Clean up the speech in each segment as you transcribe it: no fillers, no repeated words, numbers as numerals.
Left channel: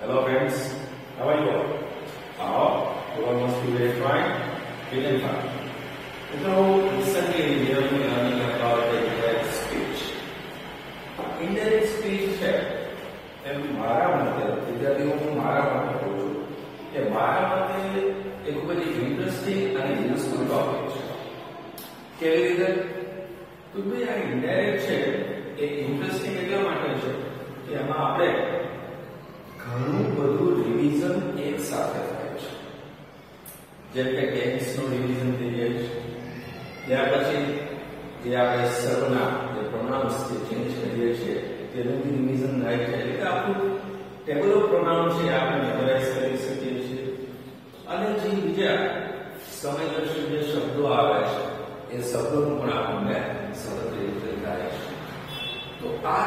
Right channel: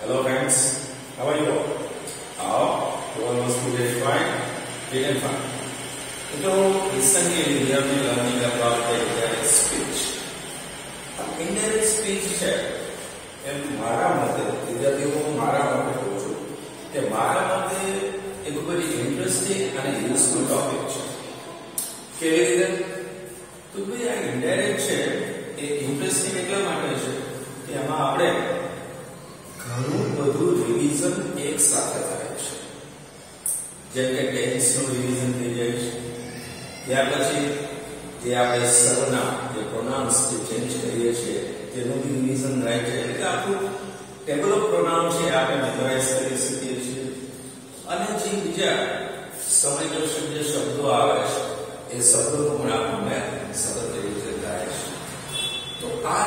Hello friends, how are you all? You all must be very fine, big and fine. Recently we have been learning about the indirect speech. Indirect speech છે એમ મારા મતે વિદ્યાર્થીઓ હું મારા મતે કહું છું કે મારા મતે એ ખૂબ જ ઇન્ટરેસ્ટિંગ અને યુઝફુલ ટોપિક છે. કેવી રીતે? તો ભાઈ આ ઇનડાયરેક્ટ છે એ ઇન્ટરેસ્ટિંગ એટલા માટે છે કે એમાં આપણે ઘણું બધું રિવિઝન એક સાથે થાય છે. જેમ કે ટેન્સનું રિવિઝન થઈ જાય છે, ત્યાર પછી જે આપણે સર્વનામ જે પ્રોનાઉન્સ જે ચેન્જ કરીએ છીએ તેનું બી રિવિઝન થાય છે. એટલે આખું ટેબલ ઓફ પ્રોનાઉન છે આપણે મેમોરાઇઝ કરી શકીએ છીએ. અને જે બીજા સમયદર્શક જે શબ્દો આવે છે એ શબ્દોનું પણ આપણને સતત રિવિઝન થાય છે. તો આ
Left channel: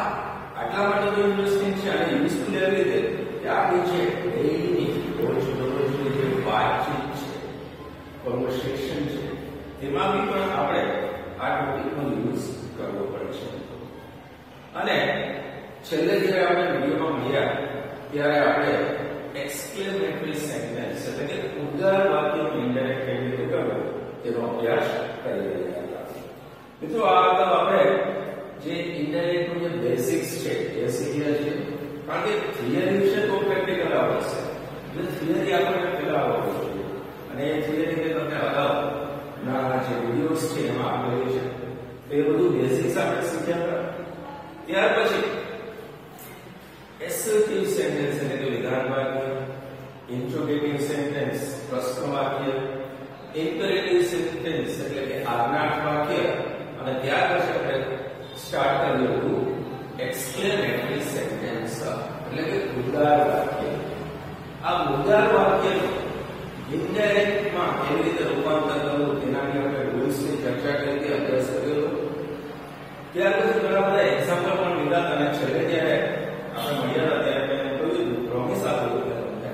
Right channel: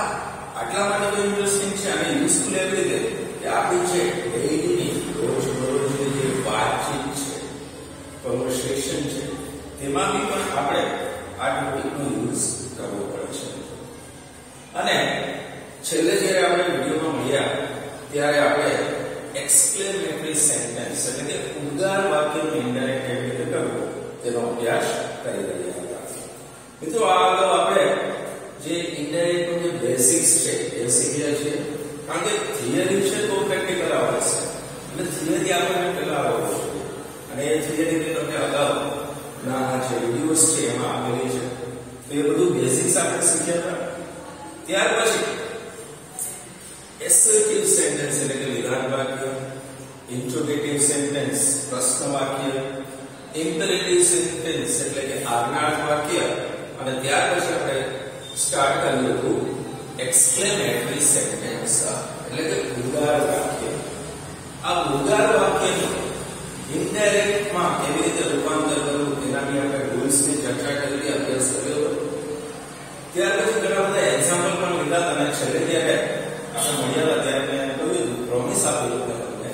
આટલા માટે બહુ ઇન્ટરેસ્ટિંગ છે અને યુઝફુલ એવી રીતે કે આપણી જે ડેઈલી રોજબરોજની જે વાતચીત છે, કન્વર્સેશન છે, તેમાં બી પણ આપણે આ ટોપિકનો યુઝ કરવો પડે છે. અને છેલ્લે જ્યારે આપણે વિડીયોમાં મળ્યા ત્યારે આપણે એક્સક્લેમેટરી સેન્ટેન્સ એટલે કે ઉદ્ગાર વાક્યનું ઇનડાયરેક્ટ કેવી રીતે કરવું તેનો અભ્યાસ કરી રહ્યા હતા. મિત્રો આ અગાઉ આપણે જે ઇનડાયરેક્ટનું જે બેસિક્સ છે એ શીખ્યા છીએ. કારણ કે થિયરી છે તો પ્રેક્ટિકલ આવશે. એટલે થિયરી આપણને પહેલા આવડવું જોઈએ અને એ થિયરી મેં તમને અગાઉ ના જે વિડીયોઝ છે એમાં આપેલી છે. તો એ બધું બેસિક્સ આપણે શીખ્યા હતા. ત્યાર પછી એસર્ટિવ સેન્ટેન્સ એટલે કે વિધાન વાક્ય, ઇન્ટ્રોગેટિવ સેન્ટેન્સ પ્રશ્ન વાક્ય, ઇમ્પેરેટિવ સેન્ટેન્સ એટલે કે આજ્ઞાર્થ વાક્ય અને ત્યાર પછી આપણે સ્ટાર્ટ કર્યું હતું એક્સક્લેમેટરી સેન્ટેન્સ એટલે કે ઉદ્ગાર વાક્ય. આ ઉદ્ગાર વાક્યનું ઇનડાયરેક્ટમાં કેવી રીતે રૂપાંતર કરવું તેનાની આપણે રૂલ્સની ચર્ચા કરી, અભ્યાસ કર્યો હતો. ત્યાર પછી ઘણા બધા એક્ઝામ્પલ પણ લીધા અને છેલ્લે જ્યારે આપણે મળ્યા ત્યારે મેં કહ્યું પ્રોમિસ આપેલું તમને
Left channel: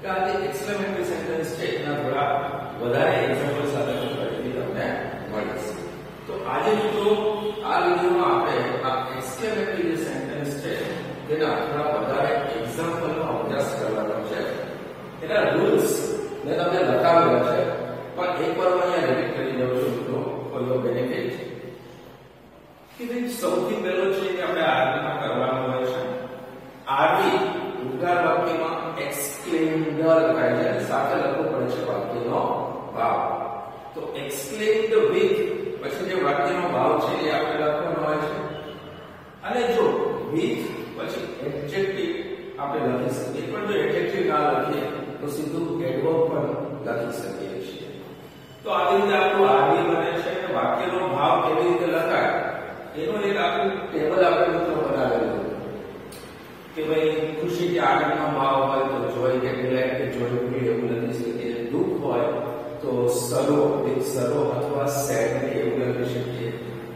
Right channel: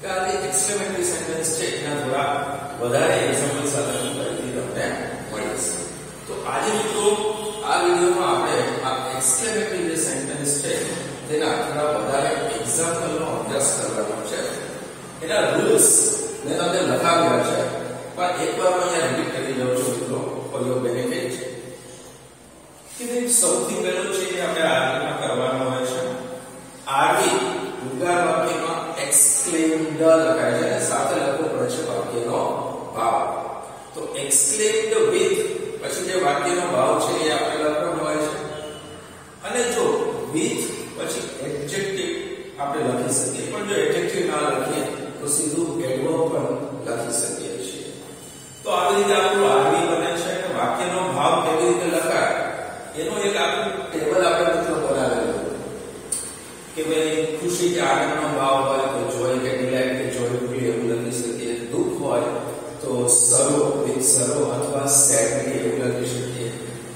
કે આ જે એક્સક્લેમેટરી સેન્ટેન્સ છે એના થોડા વધારે એક્ઝામ્પલ સાથે હું ફરીથી તમને મળીશ. તો આજે મિત્રો આ વિડીયોમાં આપણે આ એક્સક્લેમેટરી જે સેન્ટેન્સ છે તેના થોડા વધારે એક્ઝામ્પલનો અભ્યાસ કરવાનો છે. એના રૂલ્સ મેં તમને લખાવ્યા છે પણ એકવાર હું અહીંયા રિપીટ કરી દઉં છું મિત્રો ફોર યોર બેનિફિટ. કે સૌથી પહેલો છે કે આપણે આરવીમાં કરવાનું હોય છે. આરવી ઉદ્ગાર વાક્યમાં એક્સક્લેમ્ડ લખાય છે અને સાથે લખવો પડે છે વાક્યનો ભાવ. તો એક્સક્લેમ્ડ વિથ પછી જે વાક્યનો ભાવ છે એ આપણે લખવાનો હોય છે. અને જો વિથ પછી એડજેક્ટિવ આપણે લખી શકીએ, પણ જો એડજેક્ટિવ ના લખીએ તો સીધું એડવર્બ પણ લખી શકીએ છીએ. તો આવી રીતે આપણું આરવી બને છે. વાક્યનો ભાવ કેવી રીતે લખાય એનું એક આખું ટેબલ આપણે મિત્રો બનાવેલું કે ભાઈ ખુશી કે આનંદનો ભાવ હોય તો જોય કે ડિલાઇટ કે જોયફુલ એવું લખી શકીએ. દુઃખ હોય તો સરો વિથ સરો અથવા સેડ એવું લખી શકીએ.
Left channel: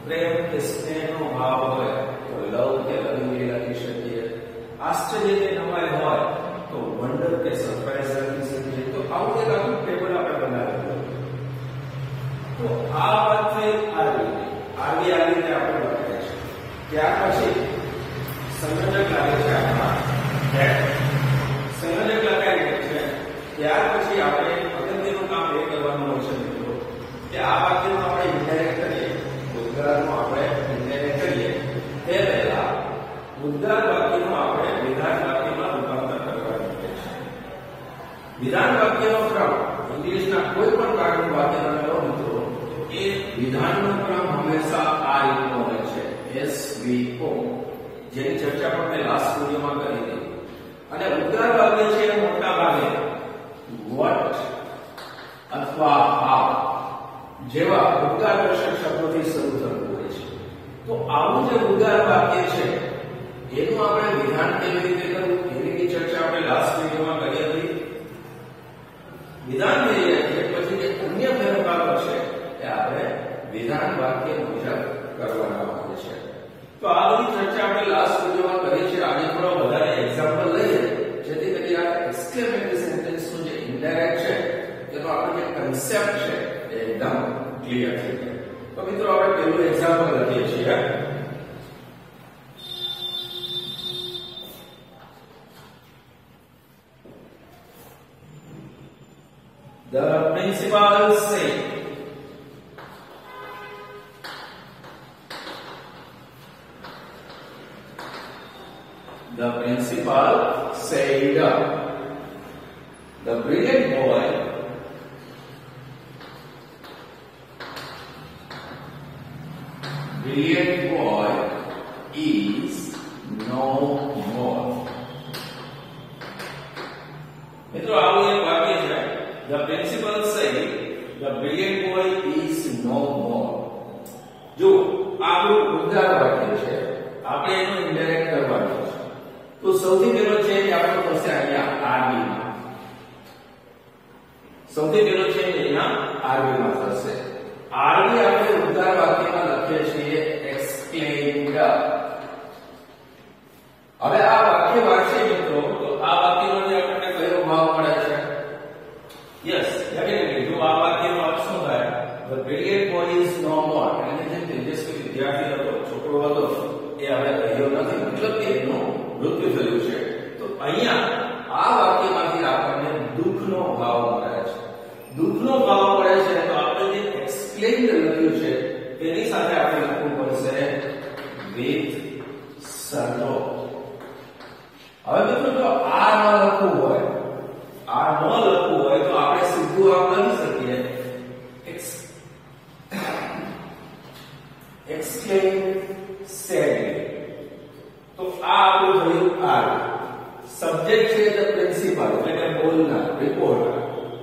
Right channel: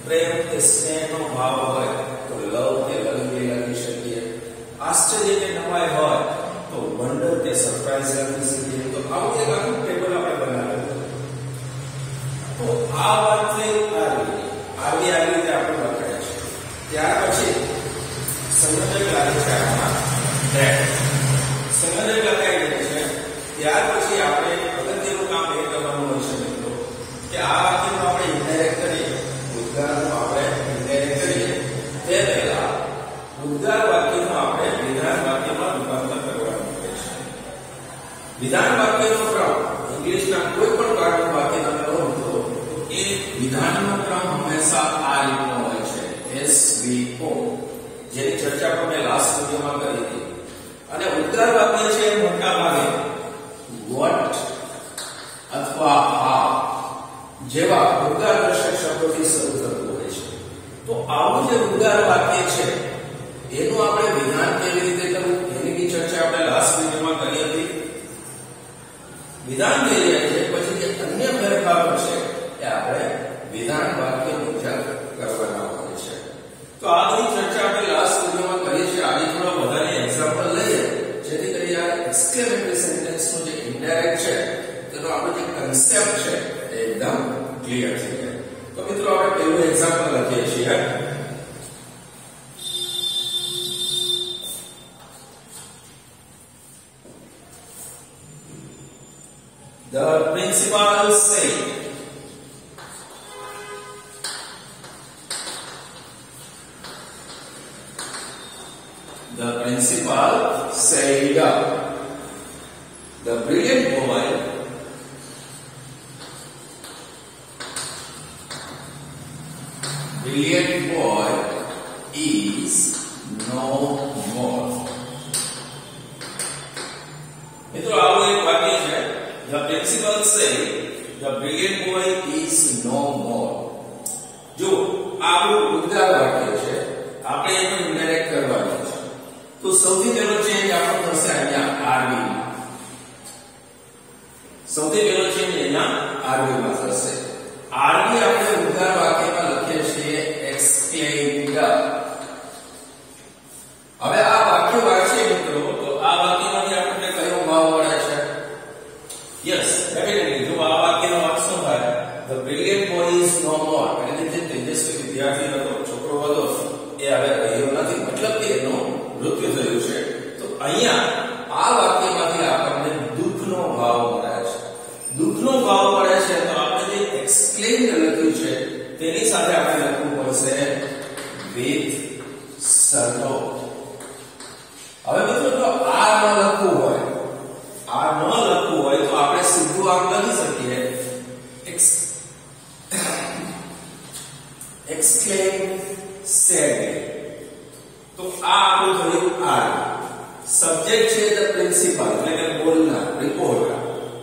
પ્રેમ કે સ્નેહનો ભાવ હોય તો લવ કે લવિંગલી લખી શકીએ. આશ્ચર્ય કે નવાઈ હોય તો વન્ડર કે સરપ્રાઈઝ લખી શકીએ. તો આવું એક આખું ટેબલ આપણે બનાવેલું. તો આ વાત થઈ આવી રીતે આપણે લખાય છે. ત્યાર પછી સંયોજક લાગે છે આમાં ધેટ. સંયોજક લખાય છે. ત્યાર પછી આપણે અગત્યનું કામ એ કરવાનું હોય છે મિત્રો કે આ વાક્યનું આપણે ઇનડાયરેક્ટ કરીએ, ઉદ્ગારનું આપણે ઇનડાયરેક્ટ કરીએ તે પહેલા ઉદ્ગાર વાક્યનું આપણે વિધાન વાક્યમાં રૂપાંતર કરવાનું હોય છે. વિધાન વાક્યનો ક્રમ ઇંગ્લિશના કોઈ પણ પાઠનું વાક્ય તમે લો મિત્રો એ વિધાનનો ક્રમ હંમેશા આ રીતનો હોય છે SVO, જેની ચર્ચા પણ મેં લાસ્ટ વિડિયોમાં કરી હતી. અને ઉદ્ગાર વાક્ય છે એ મોટા ભાગે what અથવા how જેવા ઉદ્ગારદર્શક શબ્દોથી શરૂ થતું હોય છે. તો આવું જે ઉદ્ગાર વાક્ય છે એનું આપણે વિધાન કેવી રીતે કરવું એની ચર્ચા આપણે લાસ્ટ વિડિયોમાં કરી હતી. વિધાન કહીએ છીએ પછી જે અન્ય ફેરફારો છે એ આપણે વિધાન વાક્ય મુજબ કરવાના હોય છે. તો આ બધી ચર્ચા આપણે લાસ્ટ વિડિયોમાં કરી છે. આજે થોડા વધારે એક્ઝામ્પલ લઈએ જેથી કરી આ એક્સક્લેમેટરી સેન્ટેન્સનું જે ઇનડાયરેક્ટ છે તેનો આપણો જે કન્સેપ્ટ છે એ એકદમ ક્લિયર થઈ જાય. તો મિત્રો આપણે પહેલું એક્ઝામ્પલ લખીએ છીએ. The principal said. The principal said. The brilliant boy is no more. મિત્રો આવું એક વાક્ય છે. The principal said the brilliant boy is no more. જો આપણું ઉદ્ગાર વાક્ય છે, આપણે એનો ઇન્ડાયરેક્ટ કરવાનું છે. તો સૌથી પહેલો ચેન્જ આપણો થશે અહીંયા RV માં. સૌથી પહેલો ચેન્જ અહીંયા RV માં થશે. RV આપણે ઉદ્ગાર વાક્યમાં લખીએ છીએ explained. હવે આ વાક્ય વાંચીએ મિત્રો તો આ વાક્યમાંથી આપણને કયો ભાવ મળે છે? યસ, ડેફિનેટલી જો આ વાક્યનો અર્થ શું થાય? The brilliant boy is no more. એટલે જે તેજસ્વી વિદ્યાર્થી હતો, છોકરો હતો, એ હવે રહ્યો નથી, મતલબ કે એનું મૃત્યુ થયું છે. તો અહીંયા આ વાક્યમાંથી આપણને દુઃખનો ભાવ મળે છે. દુઃખનો ભાવ મળે છે તો આપણે જે એક્સપ્લેઇન લખ્યું છે તેની સાથે આપણે લખવું પડશે with sorrow. હવે મિત્રો જો આ ન લખવું હોય, આ ન લખવું હોય તો આપણે સીધું આમ લખી શકીએ explain sadly. તો આ આપણું થયું R. સબ્જેક્ટ છે ધ પ્રિન્સિપલ એટલે કે બોલનાર, રિપોર્ટર.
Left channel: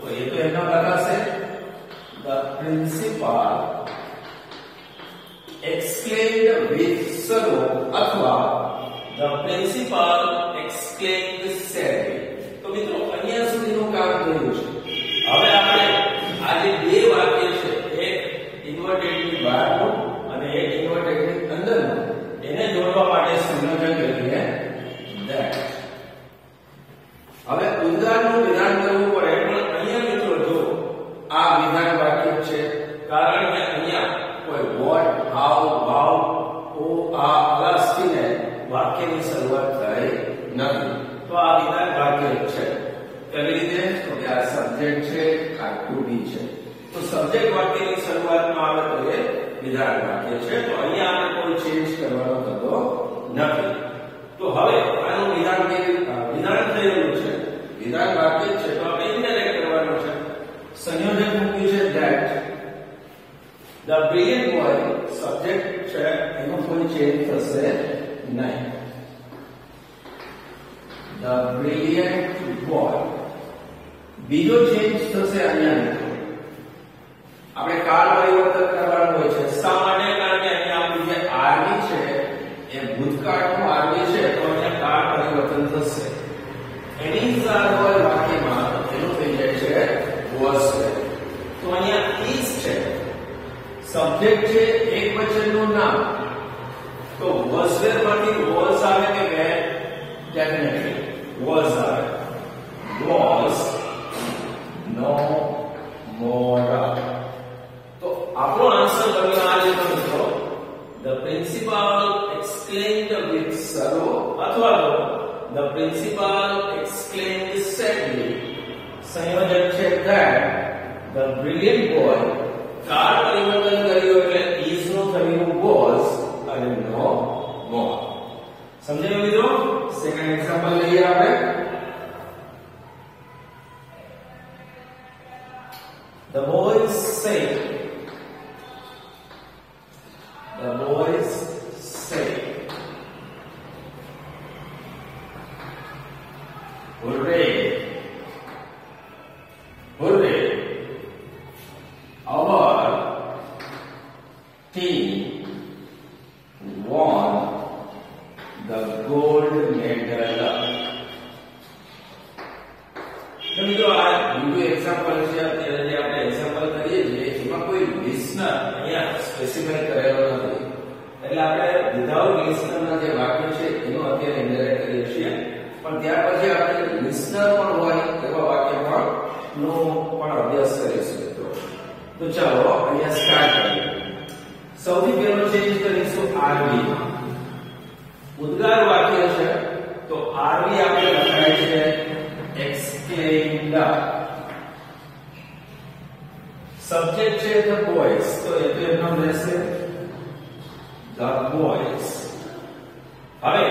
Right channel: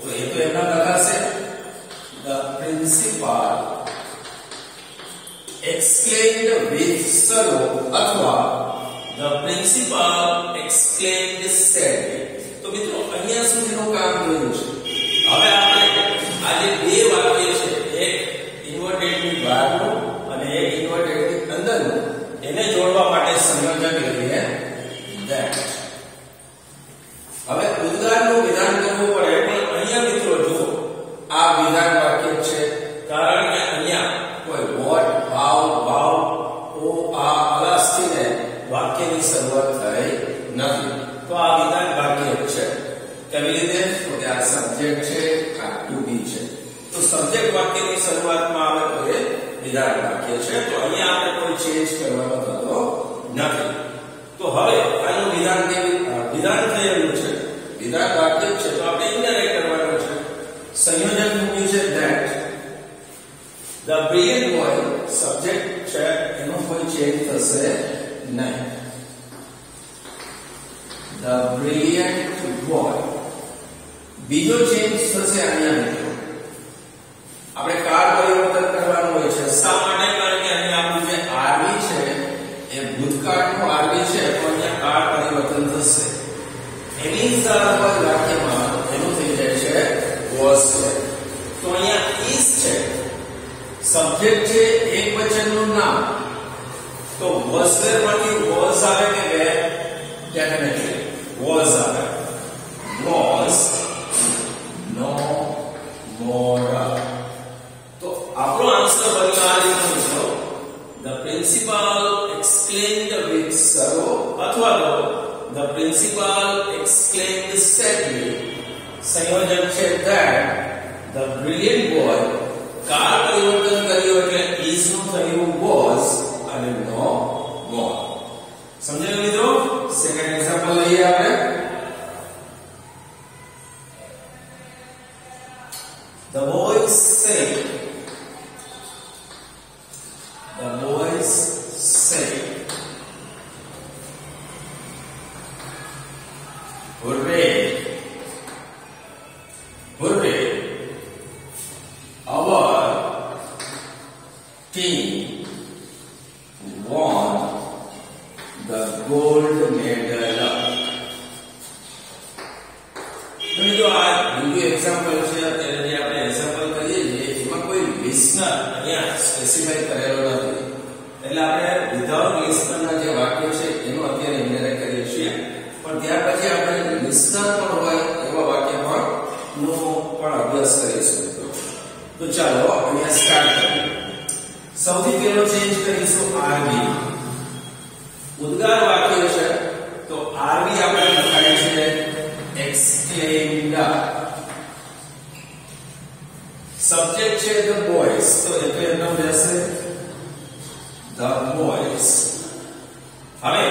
તો એ તો એમના લખાશે the principal explained with sorrow અથવા the principal explained sadly. તો મિત્રો અહીંયા સુધીનું કામ થયું છે. હવે આપણે આ જે બે વાક્ય છે, એક ઇન્વર્ટેડ ની બહારનું અને એક ઇન્વર્ટેડ ની અંદરનું, એને જોડવા માટે સંયોજક લખીએ that. હવે ઉદ્ગારનું વિધાન કરવું પડે એટલે અહીંયા મિત્રો જો આ વિધાન વાક્ય છે, કારણ કે અહીંયા કોઈ what, how, how, ઓ, આ અલાસ્થી ને વાક્યની શરૂઆત થઈ નથી. તો આ વિધાન વાક્ય છે. કેવી રીતે? તો કે આ સબ્જેક્ટ છે, આ ટુ બી છે. તો સબ્જેક્ટ વાક્યની શરૂઆતમાં આવે તો એ વિધાન વાક્ય છે. તો અહીંયા આપણે કોઈ ચેન્જ કરવાનો થતો નથી. તો હવે આનું વિધાન વિધાન થયેલું છે, વિધાન વાક્ય છે, તો આપણે ઇન્ડાયરેક્ટ કરવાનો છે. સંયોજક મૂક્યું છે that. The brilliant boy subject છે, એનું કોઈ ચેન્જ થશે નહીં. The brilliant boy. બીજો ચેન્જ થશે અહીંયા મિત્રો. આપણે કાળ પરિવર્તન કરવાનું હોય છે. શા માટે? કારણ કે અહીંયા આપણું જે RV છે એ ભૂતકાળનું RV છે, તો અહીંયા કાળ પરિવર્તન થશે. એની સાથે વાક્યમાં એનું થઈ જાય છે was છે. તો અહીંયા is છે, સબ્જેક્ટ છે, એક વચનનું નામ. તો was there માંથી was આવે કે were? Definitely was આવે. Was no more. તો આપણો આન્સર બનવા જેવો મિત્રો the principal explained with sorrow અથવા તો the principal explained sadly. સંયોજક છે that. The brilliant boy કાળ પરિવર્તન કર્યું એટલે is નું થયું was અને no more. સમજાયું મિત્રો? સેકન્ડ એક્ઝામ્પલ લઈએ આપણે. The boys say. The boys say. Hooray! Hooray! Our team won the gold medal. મિત્રો આ બીજું એક્ઝામ્પલ છે. અત્યારે જે આપણે એક્ઝામ્પલ કરીએ છીએ એમાં કોઈ લિસનર અહીંયા સ્પેસિફાઈ કરેલો નથી, એટલે આપણે વિધાઉટ લિસનરના જે વાક્યો છે એનો અત્યારે ઇન્ડાયરેક્ટ કરીએ છીએ. પણ ત્યાર પછી આપણે લિસનર પણ હોય એવા વાક્ય નો પણ અભ્યાસ કરીશું. તો ચાલો અહીંયા સ્ટાર્ટ કરીએ. સૌથી પહેલો ચેન્જ કરીશું RV. ઉદ્ગાર વાક્ય છે તો RV આપણે લખાય છે explained. the boys, તો એટલે એનો રહેશે the boys. હવે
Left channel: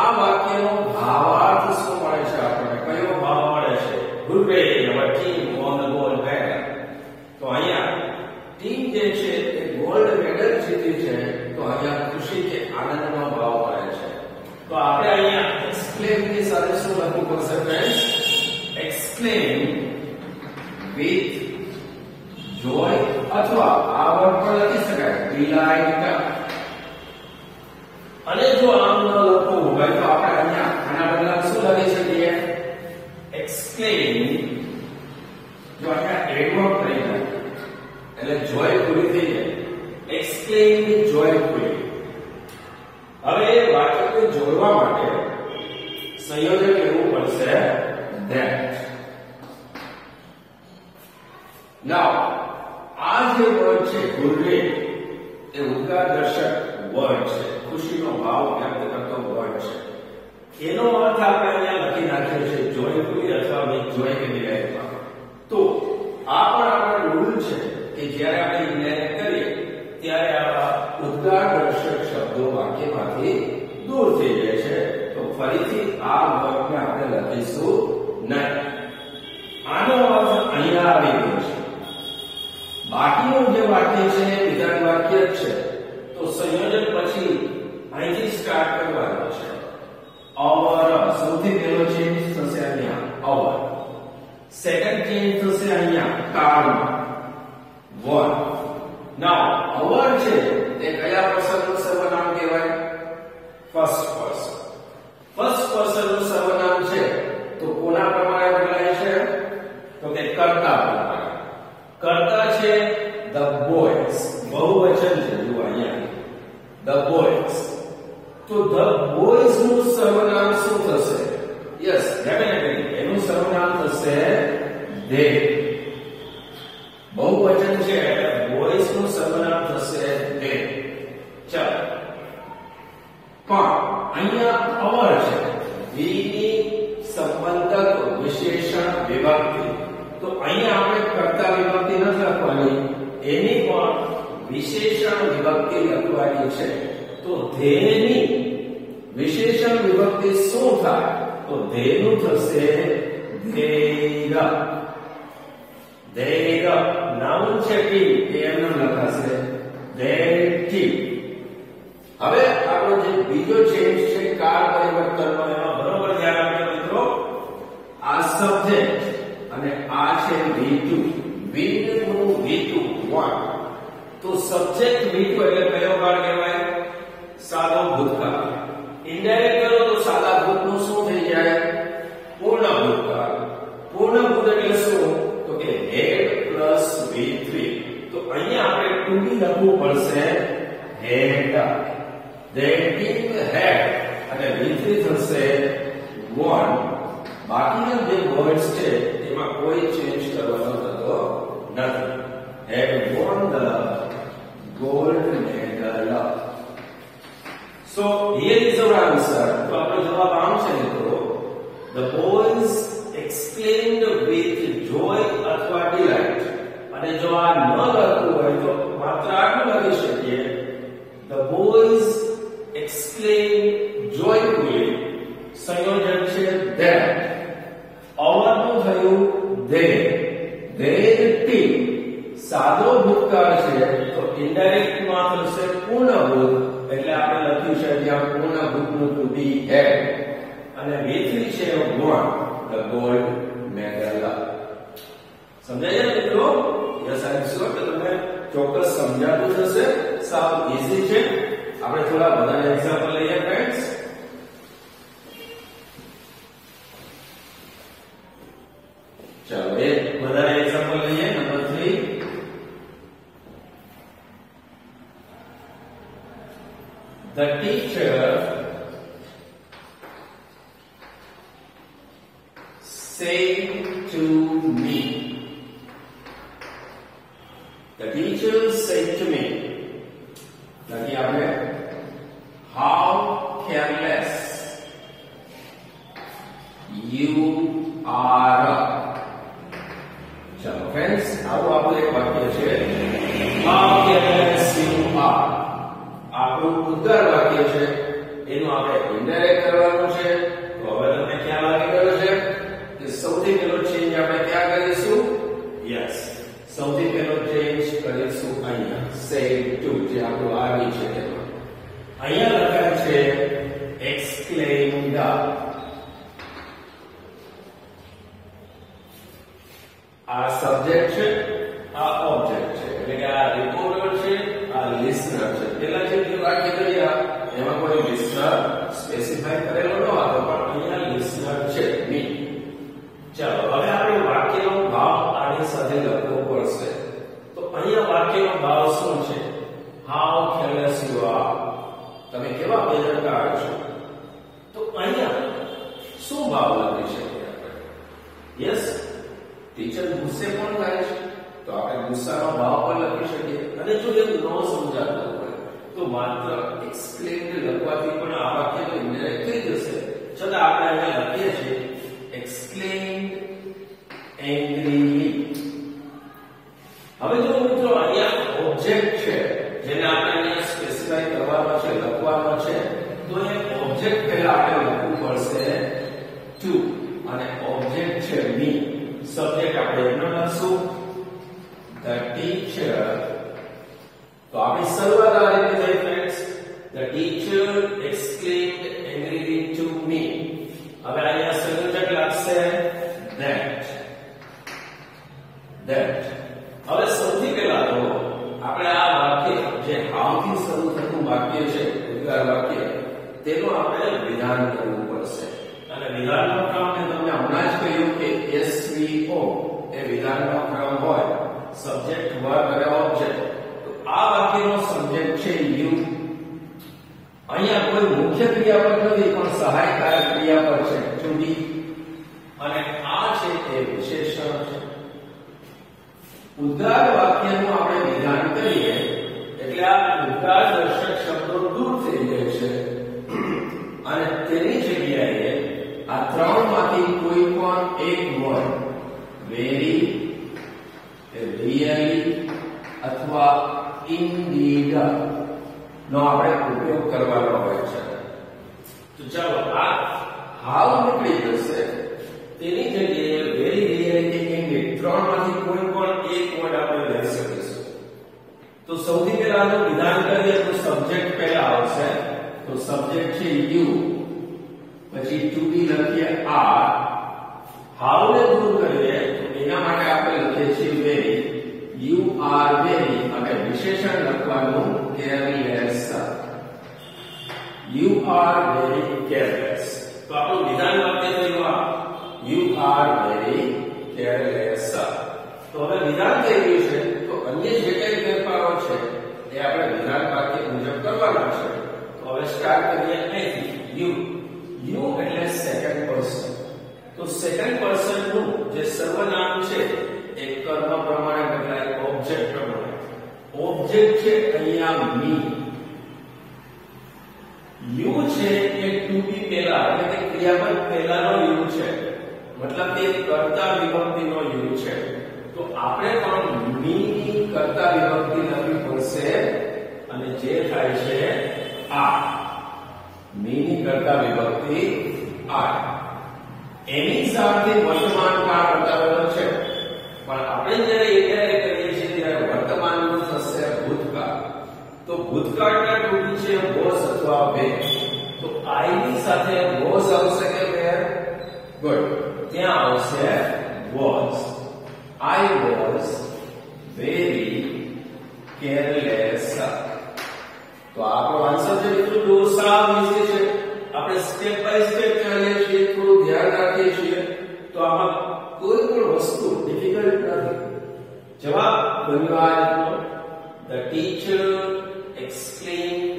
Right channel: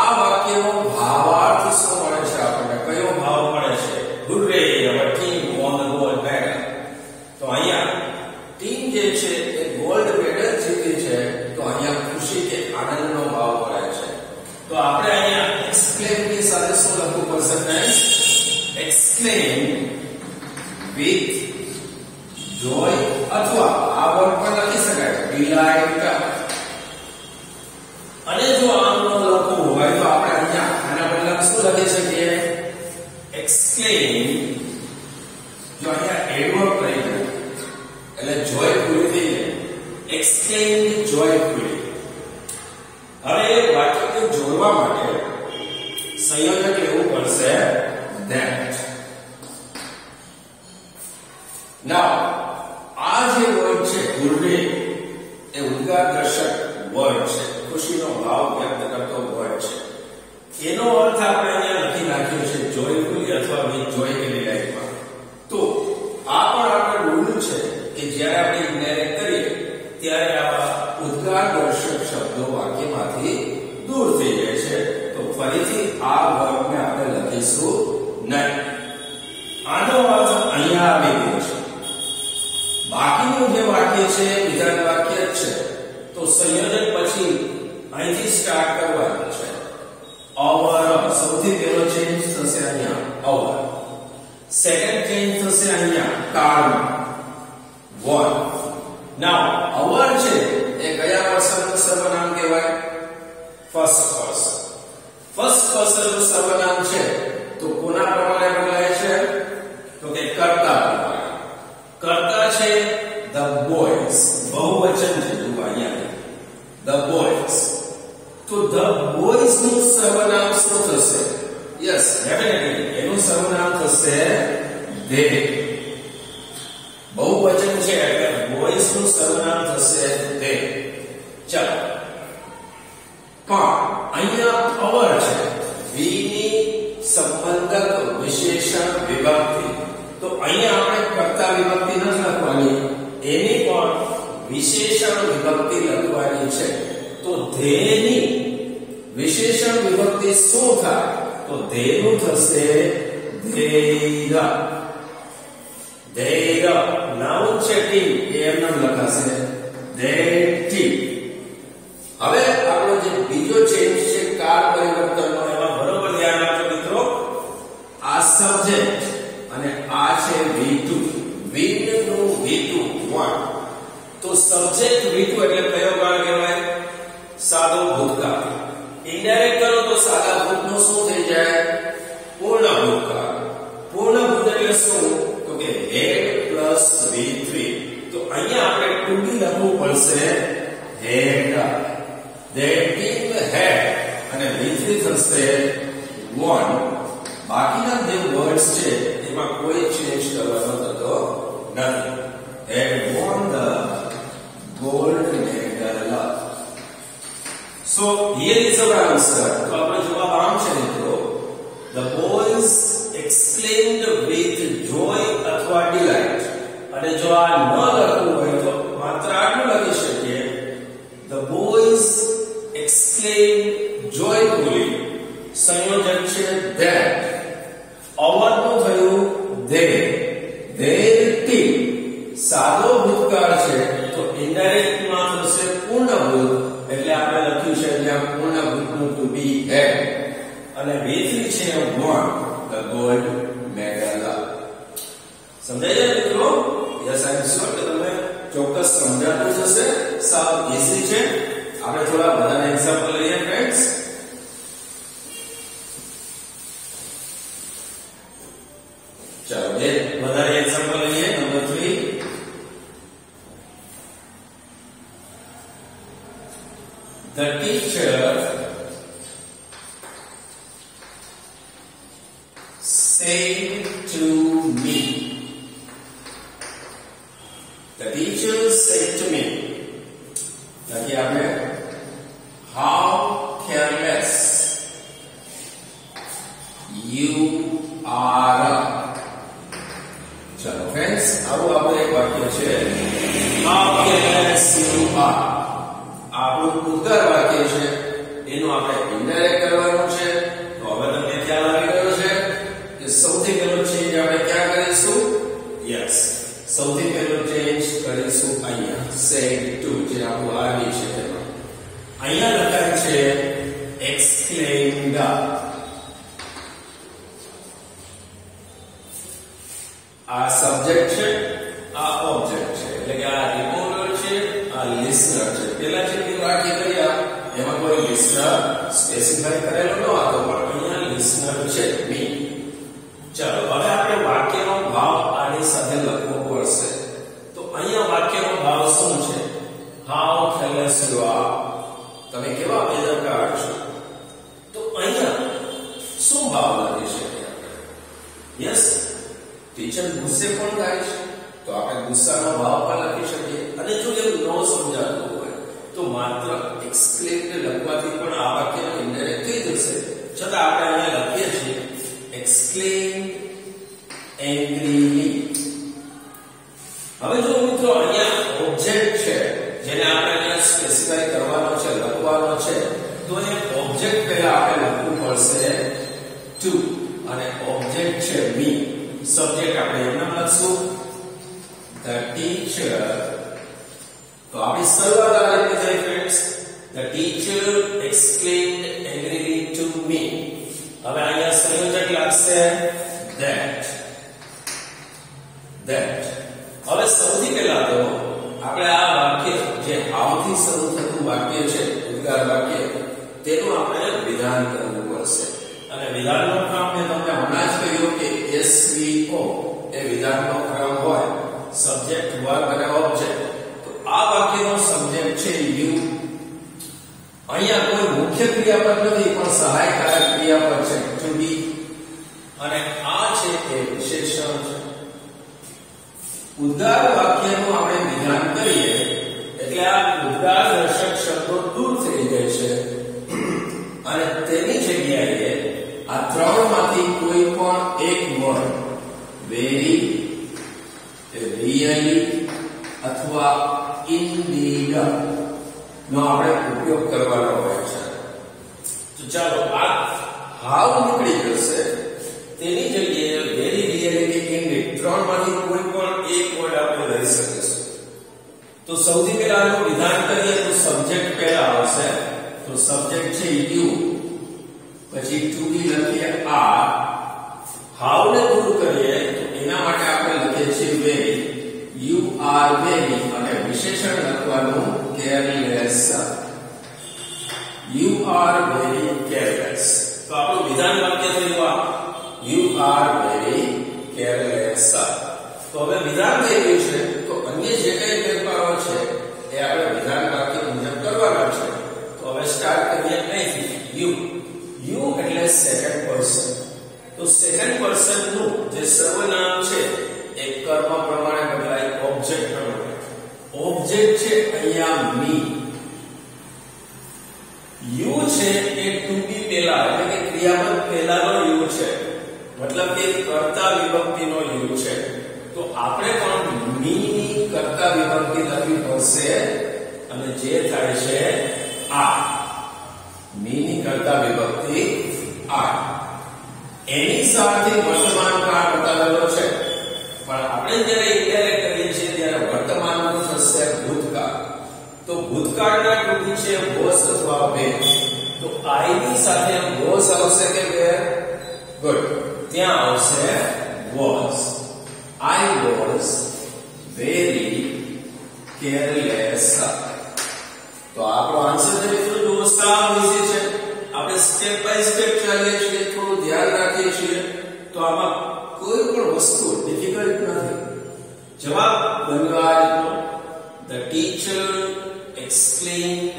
આ વાક્યનો ભાવાર્થ શું મળે છે આપણને? કયો ભાવ મળે છે? Hooray, our team won the gold medal. તો અહીંયા ટીમ જે છે એ ગોલ્ડ મેડલ જીતી છે, તો અહીંયા ખુશી કે આનંદનો ભાવ મળે છે. તો આપણે અહીંયા exclaim ની સાથે શું લખવું પડશે ફ્રેન્ડ્સ? exclaim with joy, અથવા આ વર્ડ પણ લખી શકાય delight. અને જો આમ ન લખવું હોય તો આપણે અહીંયા આના બદલામાં શું લખી શકીએ? exclaim. જો અહીંયા એડવર્બ કરી દે એટલે joyfully થઈ જાય. exclaim joyfully. હવે વાક્યને જોડવા માટે સંયોજક લેવું પડશે that. now આ જે વર્ડ છે hooray એ ઉદ્ગારદર્શક વર્ડ છે, ખુશીનો ભાવ વ્યક્ત કરતો વર્ડ છે. એનો અર્થ આપણે અહીંયા લખી નાખ્યો છે જોયફુલી અથવા વિથ જોય કે ડિલાઇટમાં. તો આ પણ આપણો રૂલ છે કે જ્યારે આપણે ઇન્ડાયરેક્ટ કરીએ ત્યારે આવા ઉદ્ગારદર્શક શબ્દો વાક્યમાંથી દૂર થઈ જાય છે. તો ફરીથી આ વર્ડને આપણે લખીશું નહીં. આનો અર્થ અહીંયા આવી ગયો છે. બાકીનું જે વાક્ય છે વિધાન વાક્ય જ છે, તો સંયોજન પછી અહીંથી સ્ટાર્ટ કરવાનું છે. our, સૌથી પહેલો ચેન્જ થશે અહીંયા our. સેકન્ડ ચેન્જ થશે અહીંયા કાળમાં one. now our છે એ કયા પર્સનનું સર્વનામ કહેવાય? First person. ફર્સ્ટ પર્સનનું સર્વનામ છે તો કોના પ્રમાણે બદલાય છે? તો કે કર્તા પ્રમાણે. કર્તા છે the boys, બહુવચન છે. જુઓ અહીંયા the boys. તો the boys નું સર્વનામ શું થશે? યસ, ડેફિનેટલી એનું સર્વનામ થશે they. બહુવચન છે એટલે boys નું સર્વનામ થશે they. ચાલો, પણ અહીંયા our છે we ની સંબંધક વિશેષણ વિભક્તિ. તો અહીંયા આપણે કર્તા વિભક્તિ નથી લખવાની, એની પણ વિશેષણ વિભક્તિ લખવાની છે. તો they ની વિશેષણ વિભક્તિ શું થાય? તો they નું થશે their. their નાઉન છે ટીમ, એમ નામ લખાશે their team. હવે આપણો જે બીજો ચેન્જ છે કાળ પરિવર્તનનો, એમાં બરોબર ધ્યાન રાખજો મિત્રો. આ સબ્જેક્ટ અને આ છે V2. વિન્ડ નું V2 1. તો સબ્જેક્ટ V2 એટલે કયો કાળ કહેવાય? સાદો ભૂતકાળ. ઇનડાયરેક્ટ કરો તો સાદા ભૂતનું શું થઈ જાય? પૂર્ણ ભૂતકાળ. પૂર્ણ ભૂત એટલે શું? તો કે had plus V3. તો અહીંયા આપણે 2D લખવું પડશે had. their team had અને V3 થશે 1. બાકીના જે વર્ડ્સ છે એમાં કોઈ ચેન્જ કરવાનો થતો નથી. had won the gold medal. so here is our answer. તો આપણો જવાબ આમ છે મિત્રો, the boys exclaimed with joy અથવા delight. અને જો આ ન લખવું હોય તો માત્ર આટલું લખી શકીએ, the boys exclaimed joyfully. સંયોજક છે that. our નું થયું they. their team સાદો ભૂતકાળ છે તો ઇનડાયરેક્ટ માં થશે પૂર્ણ ભૂત, એટલે આપણે લખ્યું છે અહીંયા પૂર્ણ ભૂતનું to be had. અને V3 છે won the gold medal. સમજાય છે મિત્રો? યસ, આઈ એમ શ્યોર કે તમને ચોક્કસ સમજાતું જશે. સાવ ઈઝી છે. આપણે થોડા વધારે એક્ઝામ્પલ લઈએ ફ્રેન્ડ્સ. ચાલો બે વધારે એક્ઝામ્પલ લઈએ. Number 3. The teacher said to me. The teacher said to me. લખી આપણે how careless you are. ચલો ફ્રેન્ડ્સ, આવું આપણું એક વાક્ય છે. ઉદ્ગાર વાક્ય છે એનું આપણે ઇનડાયરેક્ટ કરવાનું છે. તો હવે તમને ખ્યાલ આવી ગયો છે કે સૌથી પહેલો ચેન્જ આપણે ક્યાં કરીશું? યસ, સૌથી પહેલો ચેન્જ કરીશું અહીંયા સેડ ટુ, જે આપણું આવી છે એમાં અહીંયા લખાય છે એક્સક્લેમ્ડ. આ સબ્જેક્ટ છે, આ ઓબ્જેક્ટ છે, એટલે કે આ રિપોર્ટર છે, આ લિસનર છે. પહેલા જે વાક્ય કર્યા એમાં કોઈ લિસનર સ્પેસિફાઈ કરેલો ન હતો, પણ અહીંયા લિસનર છે મી. ચાલો હવે આપણે વાક્યનો ભાવ આની સાથે લખવો પડશે. તો અહીંયા વાક્યનો ભાવ શું છે? How careless you are. તમે કેવા બેદરકાર છો? તો અહીંયા શું ભાવ લખી શકીએ આપણે? યસ, ટીચર ગુસ્સે પણ થાય છે, તો આપણે ગુસ્સાનો ભાવ પણ લખી શકીએ. અને જો એમ ન સમજાતું હોય તો માત્ર એક્સક્લેમ્ડ લખવાથી પણ આ વાક્યનો ઇનડાયરેક્ટ થઈ જશે. છતાં આપણે અહીંયા લખીએ છીએ એક્સક્લેમ્ડ એંગ્રીલી. હવે જો મિત્રો અહીંયા ઓબ્જેક્ટ છે જેને આપણે અહીંયા સ્પેસિફાઈ કરવાનો છે, લખવાનો છે, તો એ ઓબ્જેક્ટ પહેલા આપણે લખવું પડશે ટુ, અને ઓબ્જેક્ટ છે મી. સબ્જેક્ટ આપણે એમને લખશું the teacher. તો આપણી શરૂઆત આ રીતે થઈ friends. The teacher exclaimed angrily to me. હવે અહીંયા સંયોજક લાગશે that. હવે સૌથી પહેલા તો આપણે આ વાક્ય જે આવથી શરૂ થતું વાક્ય છે, ઉદ્ગાર વાક્ય, તેનું આપણે વિધાન કરવું પડશે. અને વિધાનનો ક્રમ મેં તમને હમણાં જ કહ્યું કે SVO એ વિધાનનો ક્રમ હોય, સબ્જેક્ટ, વર્બ અને ઓબ્જેક્ટ. તો આ વાક્યનો સબ્જેક્ટ છે યુ. અહીંયા કોઈ મુખ્ય ક્રિયાપદ નથી, પણ સહાયકારક ક્રિયાપદ છે ટુ બી. અને આ છે તે વિશેષણ છે. ઉદ્ગાર વાક્યનું આપણે વિધાન કરીએ એટલે આ ઉદ્ગાર દર્શક શબ્દો દૂર થઈ જાય છે, અને તેની જગ્યાએ આ ત્રણમાંથી કોઈ પણ એક વર્ડ વેરી, રિયલી અથવા ઇનડીડ નો આપણે ઉપયોગ કરવાનો હોય છે. તો ચાલો આ હાઉ નીકળી જશે, તેની જગ્યાએ વેરી, રિયલી કે ઇનડીડ ત્રણમાંથી કોઈ પણ એક વર્ડ આપણે લઈ શકીશું. તો સૌથી પહેલા આનું વિધાન કરીએ તો સબ્જેક્ટ પહેલા આવશે. તો સબ્જેક્ટ છે યુ, પછી ટુ બી લખીએ આર. હાઉ ને દૂર કરીએ તો એના માટે આપણે લખીએ છીએ વેરી, યુ આર વેરી, અને વિશેષણ લખવાનું careless. You are very careless. તો આપણું વિધાન વાક્ય થયું આ યુ આર વેરી કેરલેસ. તો હવે વિધાન થઈ ગયું છે, તો અન્ય જે કઈ ફેરફારો છે એ આપણે વિધાન વાક્ય મુજબ કરવાના છે. તો હવે સ્ટાર્ટ કરીએ અહીંથી. યુ એટલે સેકન્ડ પર્સન. તો સેકન્ડ પર્સન નું જે સર્વનામ છે એ કર્મ પ્રમાણે બદલાય ઓબ્જેક્ટ પ્રમાણે. ઓબ્જેક્ટ છે અહીંયા મી. યુ છે એ ટુ બી પહેલા, એટલે કે ક્રિયાપદ પહેલાનો યુ છે, મતલબ કે કર્તા વિભક્તિનો યુ છે. તો આપણે પણ મી ની કર્તા વિભક્તિ લખવી પડશે, અને જે થાય છે આ મી ની કર્તા વિભક્તિ આ. એની સાથે વર્તમાન કાળ બતાવેલો છે, પણ આપણે જ્યારે ઇન્ડાયરેક્ટ કરીએ છીએ ત્યારે વર્તમાનનું થશે ભૂતકાળ. તો ભૂતકાળના ટૂંકી છે વોઝ અથવા વેર. તો આઈ ની સાથે વોઝ આવશે કે વેર? ગુડ, ત્યાં આવશે was. I was very careless. તો આપણો આન્સર જે મિત્રો દોસ્ત વિશે છે, આપણે સ્ટેપ બાય સ્ટેપ ચાલીએ છીએ, થોડું ધ્યાન રાખીએ છીએ, તો આમાં કોઈ પણ વસ્તુ ડિફિકલ્ટ નથી. જવાબ બન્યો આ રીતનો. The teacher exclaimed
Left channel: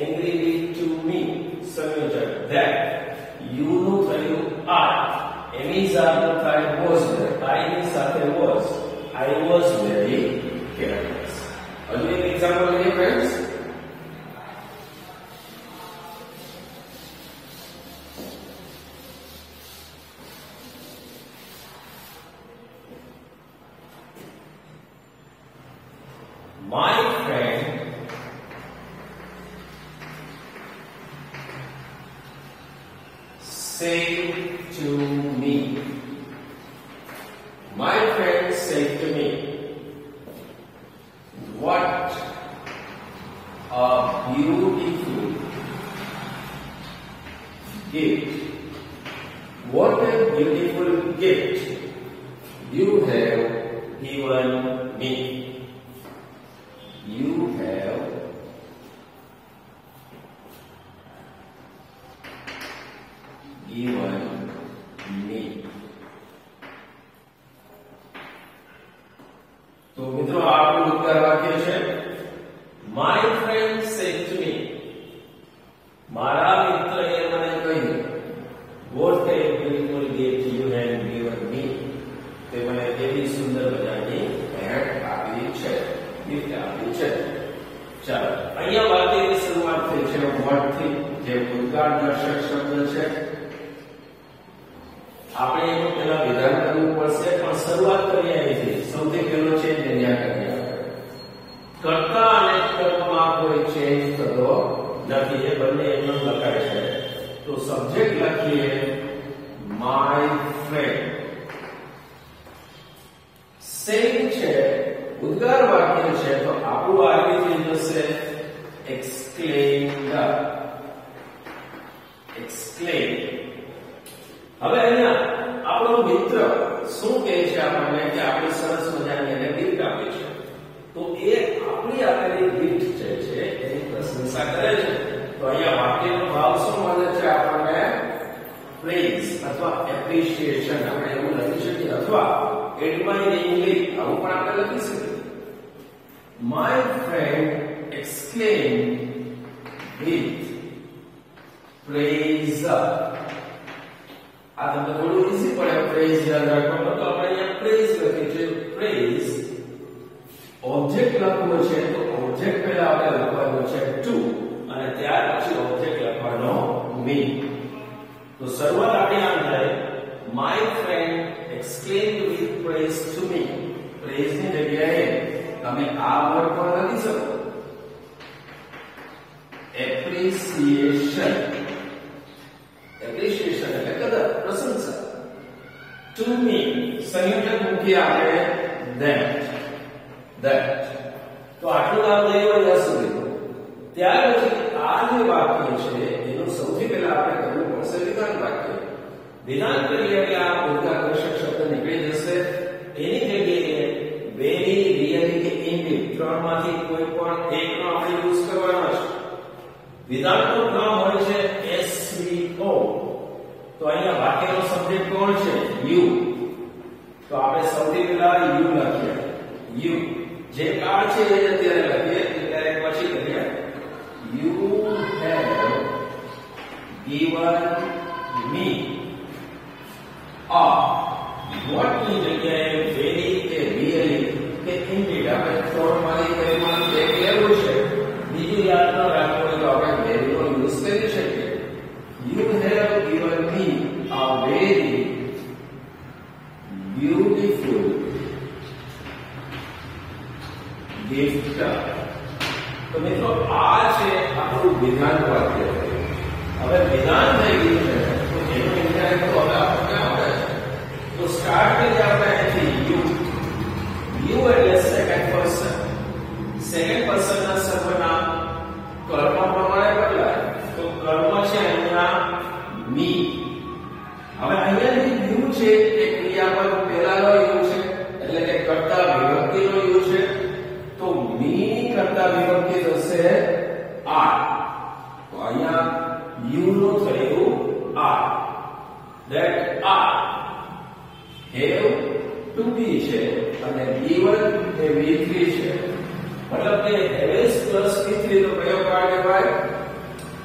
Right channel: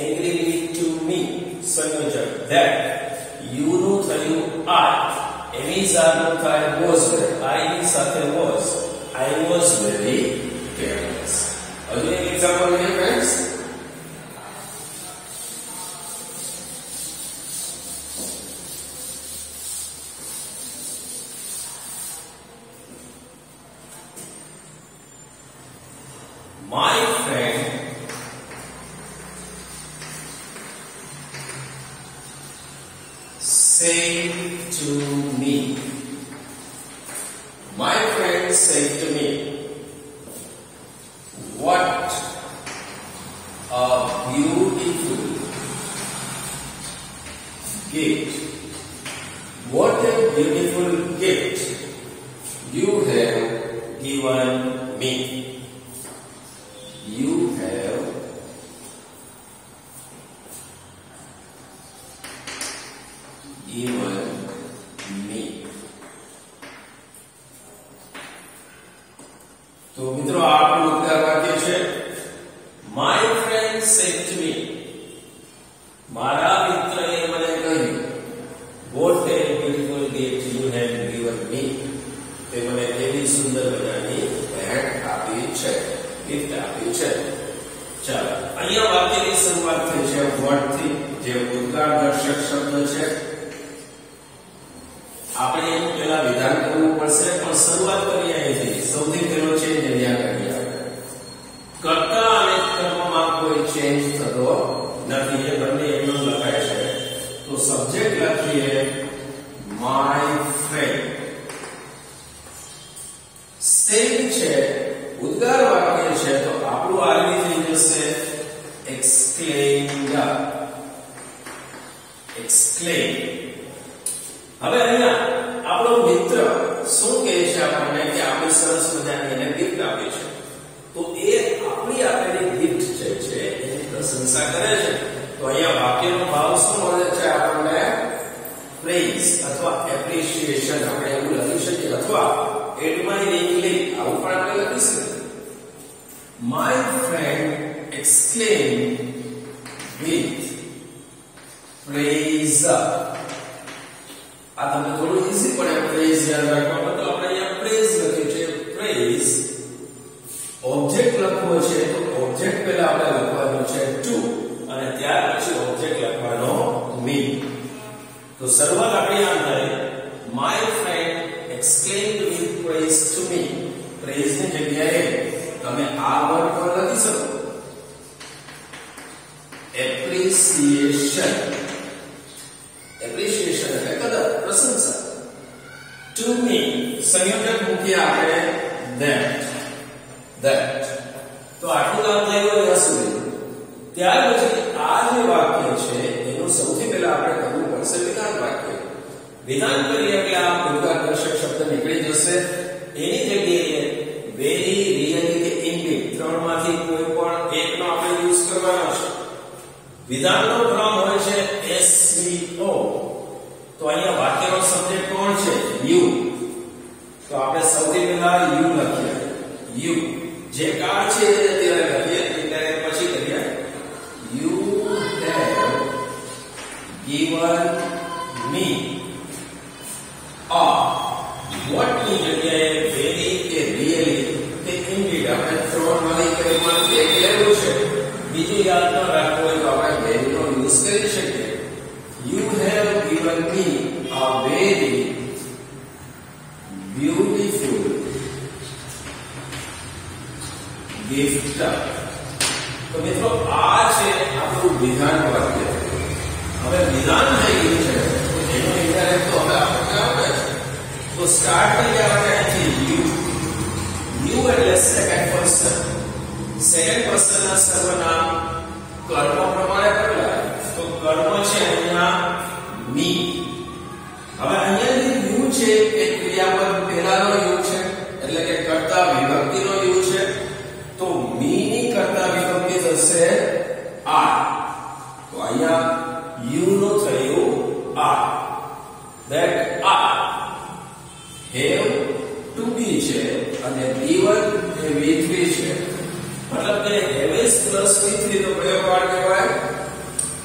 angrily to me. સંયોજક that. you નું થયું I. એમિઝા નું થાય was. I ની સાથે was. I was very careless. હજુ એક એક્ઝામ્પલ લઈએ friends. My friend beautiful gift you have given me. You have given me. तो मित्रों आपको उद्गार वाक्य है My friend said to me. मारा मित्र ए મને કહ્યું What a beautiful gift you have given me. તે મને એવી સુંદર મજાની ભેટ આપી છે, ગિફ્ટ આપી છે. ચાલો અહીંયા વાક્યની શરૂઆત થઈ છે વર્ડ થી, જે ઉદ્ગાર દર્શક શબ્દ છે. આપણે પહેલા વિધાન કરવું પડશે, પણ શરૂઆત કરીએ અહીંથી. સૌથી પહેલો છે નિર્ણય કરીએ આપણે. કર્તા અને કર્મમાં કોઈ ચેન્જ થતો નથી, એ બંને એકદમ લખાય છે. તો સબ્જેક્ટ લખીએ માય ફ્રેન્ડ. સ્ટેઇંગ છે, ઉદ્ગાર વાક્ય છે, તો આપણું આગળ થઈ જશે એક્સક્લેમ્ડ. એક્સક્લેમ. હવે અહીંયા આપણો મિત્ર શું કહે છે આપણને કે આપણે સરસ મજાની એને ગિફ્ટ આપી છે. તો એ આપણી આપેલી ગિફ્ટ છે એની પ્રશંસા કરે છે. તો અહીંયા વાક્યનો ભાવ શું મળે છે આપણને? પ્રેઝ અથવા એપ્રિશિએશન. આપણે એવું લખી શકીએ, અથવા એડમાયરિંગલી આવું પણ આપણે લખી શકીએ. My friend exclaimed with praise. આ તમને થોડું ઈઝી પડે પ્રેઝ યાદ રાખવામાં, તો આપણે અહીંયા પ્રેઝ લખીએ છીએ. પ્રેઝ ઓબ્જેક્ટ લખવો છે, તો ઓબ્જેક્ટ પહેલા આપણે લખવાનું છે ટુ, અને ત્યાર પછી ઓબ્જેક્ટ લખવાનો મી. તો શરૂઆત આપણી આમ થાય my friend exclaimed with praise to me. Praise ની જગ્યાએ તમે આ વર્ડ પણ લખી શકો, એપ્રિસિએશન. એપ્રિસિએશન એટલે કદર, પ્રશંસા. ટુ મી સંયોજક મૂકીએ આપણે that. તો આટલું નામ થયું અહીંયા સુધી. ત્યાર પછી આ જે વાક્ય છે એનું સૌથી પહેલા આપણે કરવું પડશે વિધાન વાક્ય. વિધાન કરીએ એટલે આ ઉદ્ગારદર્શક શબ્દ નીકળી જશે. એની જગ્યાએ વેરી, રિયલી કે ઇનડીડ ત્રણમાંથી કોઈ પણ એકનો આપણે યુઝ કરવાનો છે. વિધાનનો ક્રમ હોય છે SVO. તો અહીંયા વાક્યનો સબ્જેક્ટ કોણ છે? યુ. તો આપણે સૌથી પહેલા યુ લખીએ. યુ જે કાર છે એ અત્યારે લખીએ, એટલે પછી કરીએ you have given me a. what ની જગ્યાએ વેરી કે રિયલી કે ઇનડીડ આપણે ત્રણમાંથી કેમાં એક લેવું છે. બીજું યાદ ન રાખવું હોય તો આપણે વેરી નો યુઝ કરી શકીએ. You have given me a very beautiful gift. તો મિત્રો આ છે આપણું વિધાન વાક્ય. હવે વિધાન થઈ ગયું છે, એનો ઇન્ડાયરેક્ટ તો હવે આપણે આવડે છે. તો સ્ટાર્ટ કરીએ આપણે અહીંથી યુ એટલે સેકન્ડ પર્સન. સેકન્ડ પર્સનના સર્વનામ કર્મ પ્રમાણે બદલાય. તો કર્મ છે અહીંયા મી. હવે અહીંયા જે યુ છે એ ક્રિયાપદ પહેલાનો યુ છે, એટલે કે કર્તા વિભક્તિનો યુ છે. તો મી ની કર્તા વિભક્તિ થશે આર. તો અહીંયા યુ નો થયું આર. That are have to be છે, અને given એ V3 છે. મતલબ કે હેવેસ પ્લસ V3 તો કયો કાળ કહેવાય?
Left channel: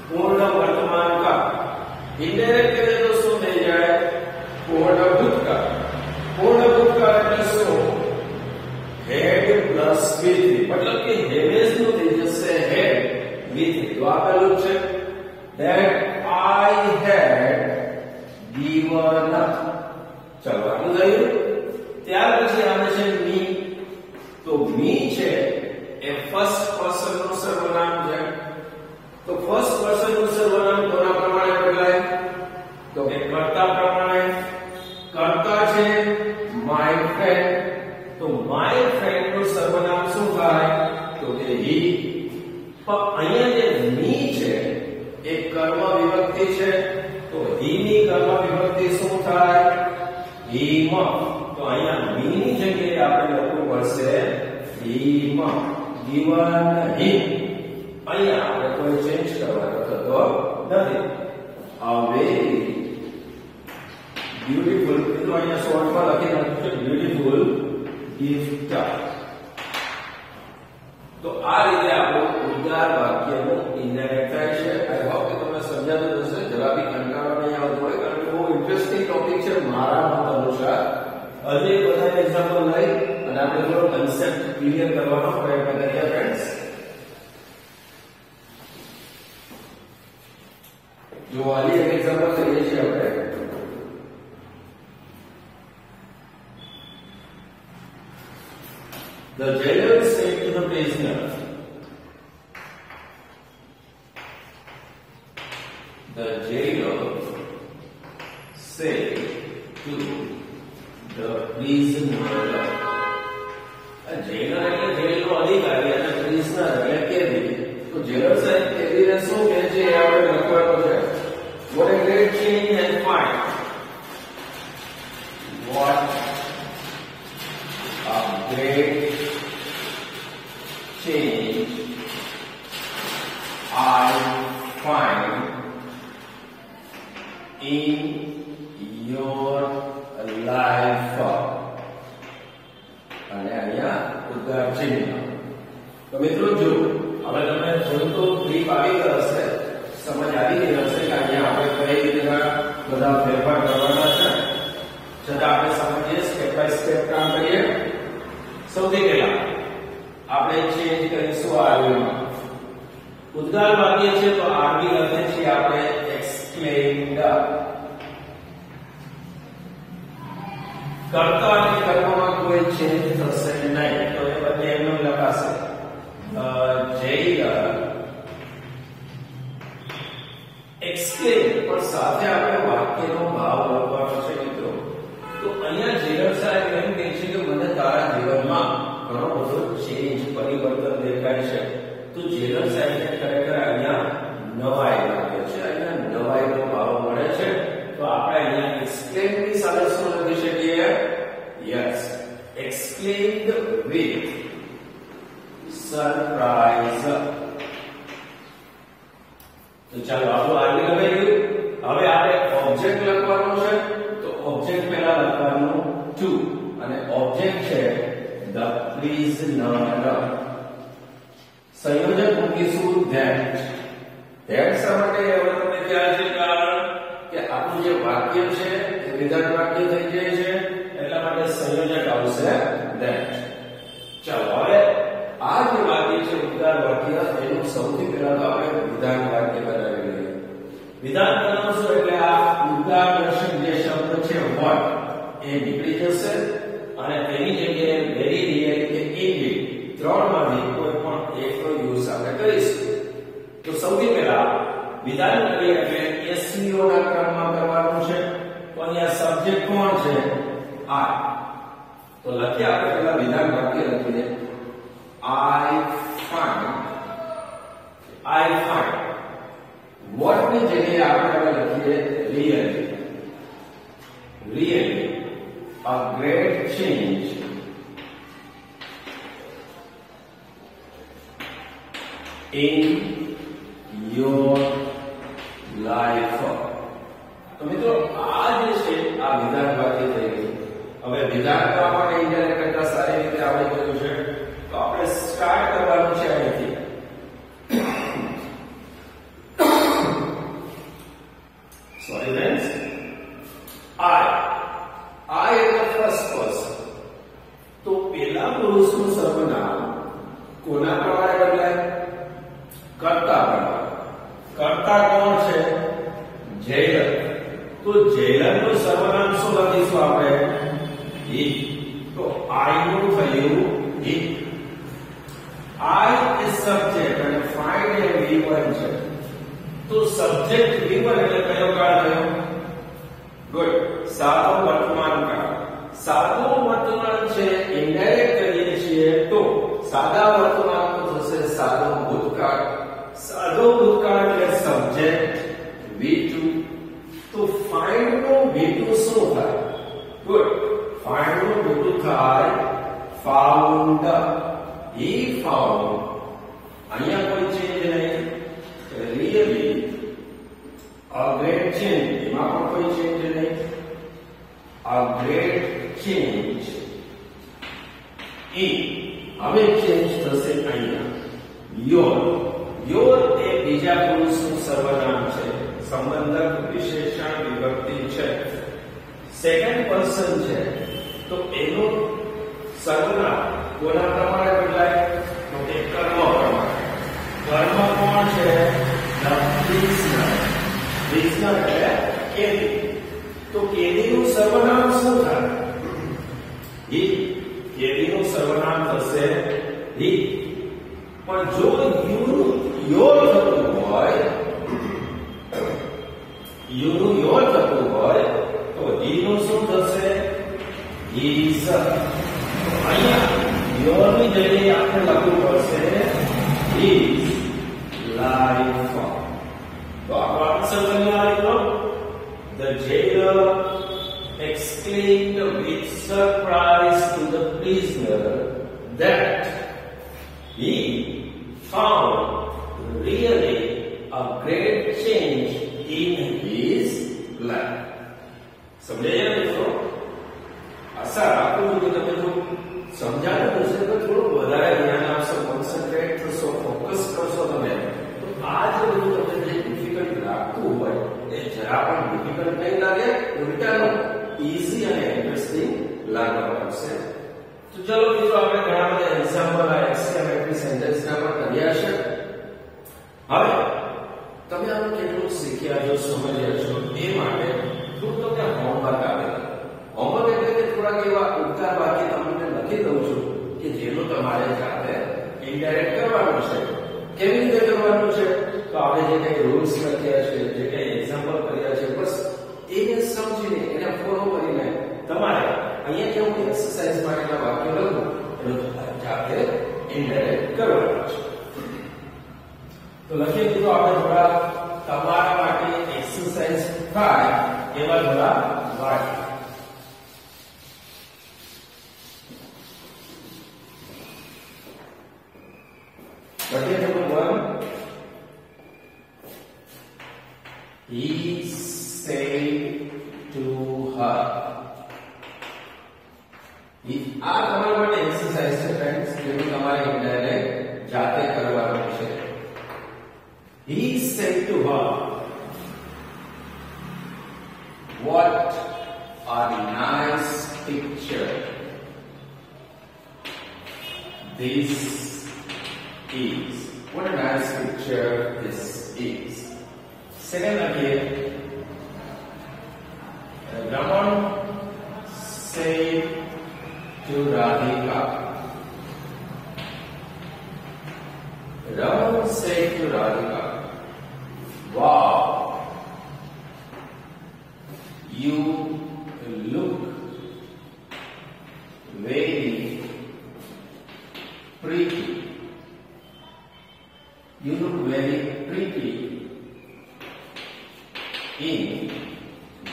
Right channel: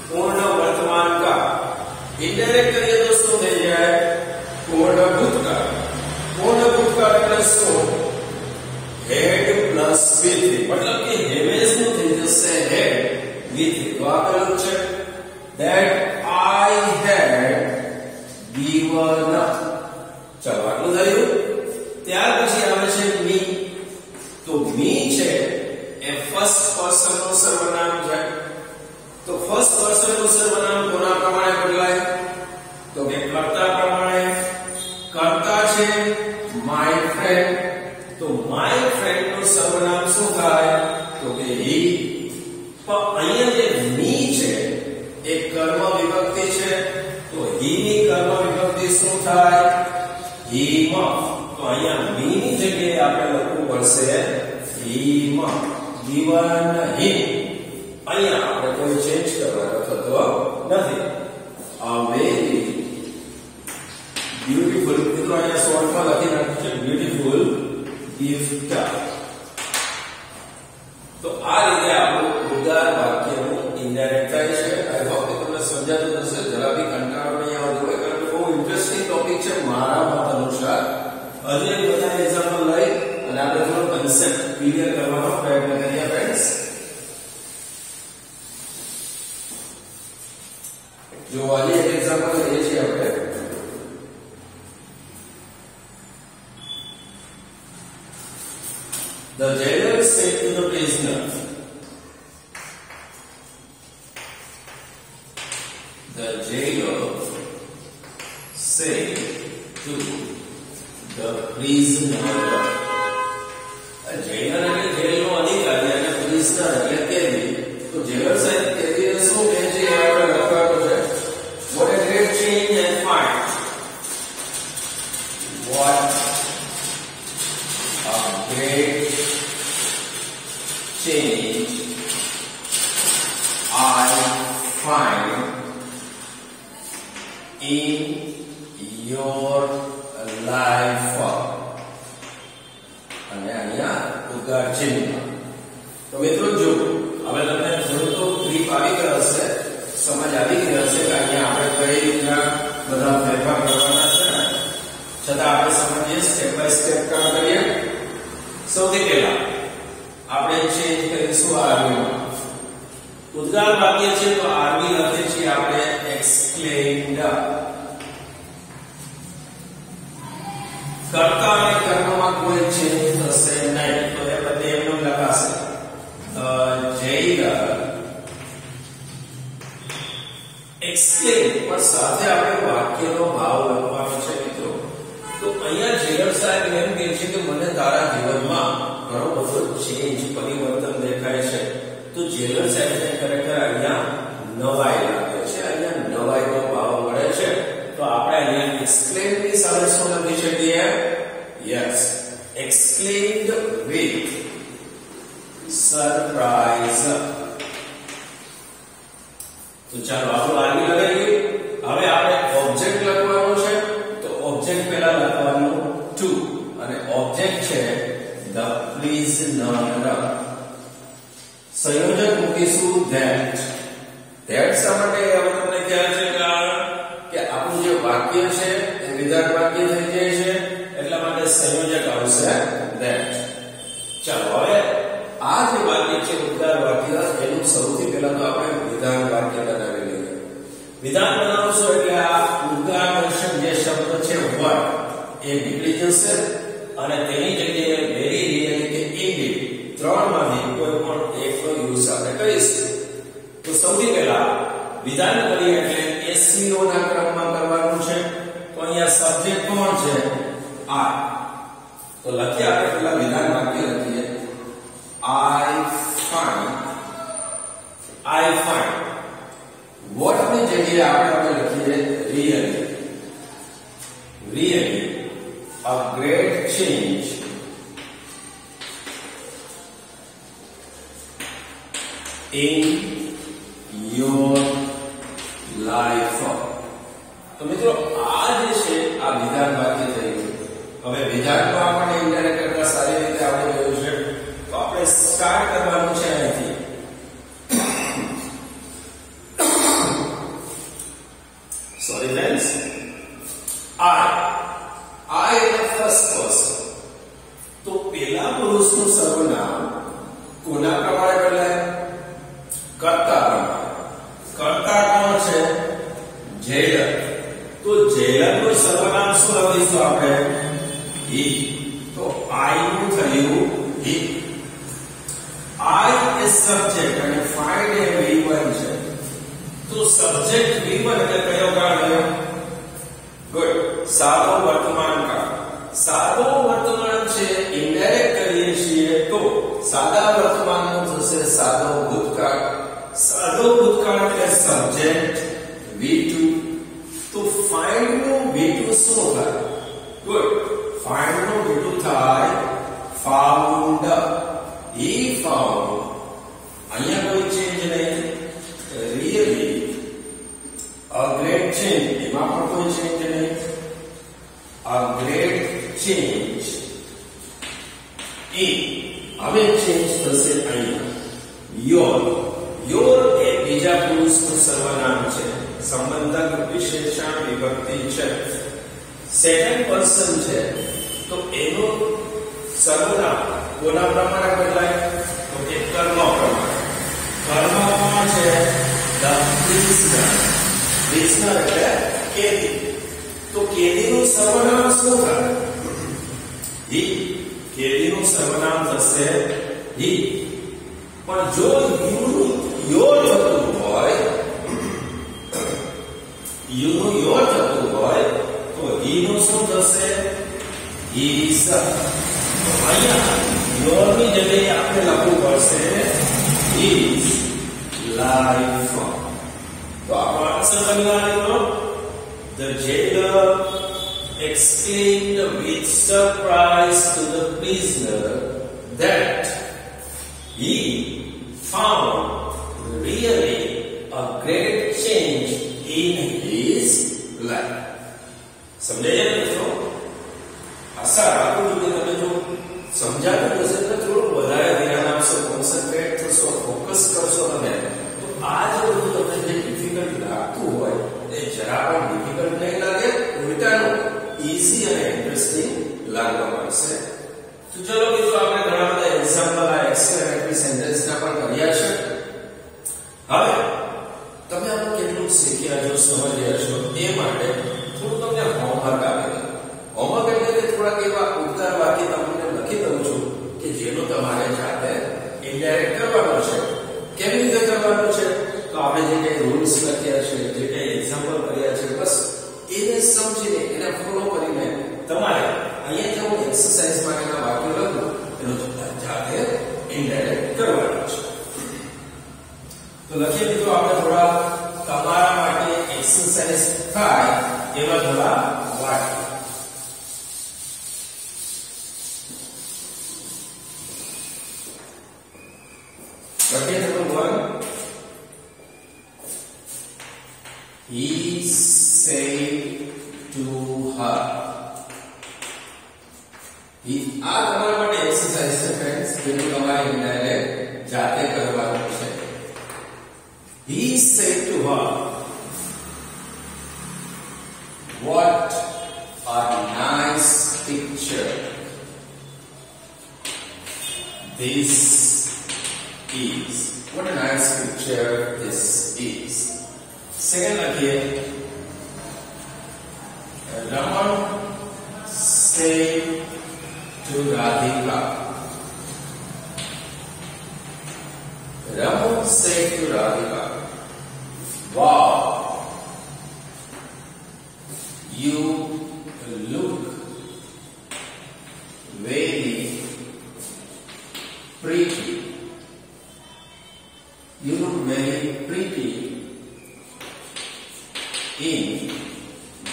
પૂર્ણ વર્તમાન કાળ. ઇનડાયરેક્ટ કરીએ તો શું થઈ જાય? પૂર્ણ ભૂતકાળ. પૂર્ણ ભૂતકાળ એટલે શું? Had plus V3. મતલબ કે હેવેસ નું થઈ જશે હેડ V3. તો આ પેલું છે that I had given up. ચલો આનું થયું. ત્યાર પછી આવે છે મી. તો મી છે એ ફર્સ્ટ પર્સન નું સર્વનામ છે. તો ફર્સ્ટ પર્સન નું સર્વનામ કોના પ્રમાણે બદલાય? તો કે કર્તા પ્રમાણે. કર્તા છે માય ફ્રેન્ડ. તો માય ફ્રેન્ડ નું સર્વનામ શું થાય? તો કે હી. પણ અહીંયા જે મી છે એ કર્મ વિભક્તિ છે. તો હી ની કર્મ વિભક્તિ શું થાય? હિમ. તો અહીંયા મી ની જગ્યાએ આપણે લખવું પડશે હિમ. given him. અહીંયા આપણે કોઈ ચેન્જ કરવાનો થતો નથી. A very beautiful, મિત્રો અહીંયા શોર્ટમાં લખી નાખ્યું છે beautiful gift. તો આ રીતે આપણું ઉદ્ગાર વાક્યનું ઇનડાયરેક્ટ થાય છે. આઈ હોપ કે તમને સમજાતું હશે. જરા બી કંટાળો નહીં આવતો હોય, કારણ કે બહુ ઇન્ટરેસ્ટિંગ ટોપિક છે મારા મત અનુસાર. હજી એક બધા એક્ઝામ્પલ લઈ અને આપણે થોડો કન્સેપ્ટ ક્લિયર કરવાનો પ્રયત્ન કરીએ ફ્રેન્ડ્સ. જો આજે એક એક્ઝામ્પલ લઈએ છીએ આપણે. The jailer said to the prisoner, the jailer said to the prisoner. jailer એટલે જેલનો અધિકારી અને prisoner એટલે કેદી. તો jailer સાહેબ કેદીને શું કહે છે એ આપણે લખવાનું છે. What a great change and find. What a great change I find in your life. અને અહીંયા ઉદ્ગાર ચિહ્ન. તો મિત્રો જો હવે તમને થોડું તો ગ્રીપ આવી ગયો હશે, સમજ આવી ગઈ હશે કે અહીંયા આપણે કઈ રીતના બધા ફેરફાર કરવાના છે. છતાં આપણે સમજીએ, સ્ટેપ બાય સ્ટેપ કામ કરીએ. સૌથી પહેલા આપણે ચેન્જ કરીશું આરવી માં. ઉદ્ગાર વાક્ય છે તો આરવી લખીએ છીએ આપણે એક્સપ્લેન્ડ. કર્તા અને કર્મમાં કોઈ ચેન્જ થશે નહીં, તો એ બધે એમનું લખાશે. જૈલર એક્સપ્લેન, પણ સાથે આપણે વાક્યનો ભાવ લખવાનો છે મિત્રો. તો અહીંયા જેલર સાહેબ એમ કહે છે કે મને તારા જીવનમાં ઘણો બધો ચેન્જ, પરિવર્તન દેખાય છે. તો જેલર સાહેબને ખરેખર અહીંયા નવાઈ લાગે છે, અહીંયા નવાઈનો ભાવ મળે છે. તો આપણે અહીંયા એક્સપ્લેન ની સાથે શું લખી શકીએ? Yes, explained with surprise. તો ચાલો આપણું આરવી લગાવી ગયું. હવે આપણે ઓબ્જેક્ટ લખવાનો છે. તો ઓબ્જેક્ટ પહેલા લખવાનું ટુ, અને ઓબ્જેક્ટ છે the prisoner. સંયોજક મૂકીશું that. that શા માટે? હવે તમને ખ્યાલ છે કે આપણું જે વાક્ય છે એ વિધાન વાક્ય થઈ જાય છે, એટલા માટે સંયોજક આવશે that. ચાલો હવે આ જે વાક્ય છે ઉદ્ગાર વાક્ય, એનું સૌથી પહેલા તો આપણે વિધાન વાક્ય બનાવી લઈએ. વિધાન બનાવશું એટલે આ ઉદ્ગાર દર્શક જે શબ્દ છે what એ નીકળી જશે અને તેની જગ્યાએ વેરી રિયલી કે ઇનડીડ ત્રણમાંથી કોઈ પણ એકનો યુઝ આપણે કરીશું. તો સૌથી પહેલા વિધાન કરીએ એટલે SVO ના ક્રમમાં કરવાનું છે. તો અહીંયા સબ્જેક્ટ કોણ છે? I. તો લખીએ આપણે પહેલા વિધાન વાક્ય લખીએ I find. what ની જગ્યાએ આપણે લખીએ really a great change in your life. તો મિત્રો આ જે છે આ વિધાન વાક્ય થઈ ગયું. હવે વિધાનમાં આપણે ઇનડાયરેક્ટ કરતા સારી રીતે આવડી ગયું છે. તો આપણે સ્ટાર્ટ કરવાનું છે અહીંથી. Sorry friends, I is the first person. તો પેલા પુરુષનું સર્વનામ કોના પ્રમાણે બદલાય? કર્તા પ્રમાણે. કર્તા કોણ છે? જેલર. તો જેલરનું સર્વનામ શું લખીશું આપણે? he. તો I નું થયું he. I is subject અને find એ V1 છે. તો સબ્જેક્ટ V1 એટલે કયો કાળ થયો? ગુડ, સાદો વર્તમાન કાળ. સાદો વર્તમાન છે, ઇનડાયરેક્ટ કરીએ છીએ તો સાદા વર્તમાનનું થશે સાદો ભૂતકાળ. સાદો ભૂતકાળ એટલે સબ્જેક્ટ V2. તો find નું V2 a great change in હવે ચેન્જ થશે અહીંયા યોર એ બીજા પુરુષનું સર્વનામ છે સંબંધક વિશેષણ વિભક્તિ છે સેકન્ડ પર્સન છે તો એનું સર્વનામ કોના પ્રમાણે બદલાય તો કે કર્મ પ્રમાણે કર્મ કોણ છે ધ પ્રિઝનર એટલે કેદી તો કેદીનું સર્વનામ શું થાય હી કેદીનું સર્વનામ થશે હી પણ જો યોર થતું હોય યુનું યોર થતું હોય તો હી નું શું થશે હીઝ અહીંયા યોર ની જગ્યાએ આપણે લખવું પડશે હીઝ લાઈફ તો આપણો આન્સર તમને આવ્યો The jailer explained with surprise to the prisoner that he found really a great change in his life. સમજાય ને મિત્રો આશા રાખું છું કે તમે જો સમજાતું હશે તો થોડું વધારે ધ્યાન આપશો કોન્સન્ટ્રેટ થશો ફોકસ કરશો તમે તો આ જો બધું તમને જે ડિફિકલ્ટ લાગતું હોય એ જરા પણ ડિફિકલ્ટ નહીં લાગે ઉલટાનું ઈઝી અને ઇન્ટરેસ્ટિંગ લાગવા મળશે તો ચલો મિત્રો આપણે ઘણા બધા એક્ઝામ્પલ આ એક્સક્લેમેટરી સેન્ટેન્સના પણ કર્યા છે હવે તમે આનું કેટલું શીખ્યા છો સમજ્યા છો એ માટે થોડું તમને હોમવર્ક આપેલું હોમવર્ક એટલે કે થોડાક એવા ઉદ્ગાર વાક્ય તમને લખી દઉં છું કે જેનું તમારે જાતે ઇનડાયરેક્ટ કરવાનું છે કેવી રીતે કરવાનું છે તો આપણે જે કઈ રૂલ્સ લખ્યા છે જે કઈ એક્ઝામ્પલ કર્યા છે બસ એને સમજીને એને ફોલો કરીને તમારે અહીંયા જે હું એક્સરસાઇઝ માટેના વાક્યો લખું એનું જાતે ઇનડાયરેક્ટ કરવાનું છે તો લખીએ મિત્રો આપણે થોડા તમારા માટે એક્સરસાઇઝ થાય એવા થોડા વાક્ય લખીએ number 1 He said to her. આ તમારા માટે એક્સરસાઇઝ છે ફ્રેન્ડ્સ જેનું તમારે ઇનડાયરેક્ટ જાતે કરવાનું છે He said to her, what a nice picture this is. What a nice picture this is. Second again, Raman said to Radhika. Raman said to Radhika, wow, you look very pretty. You look very pretty in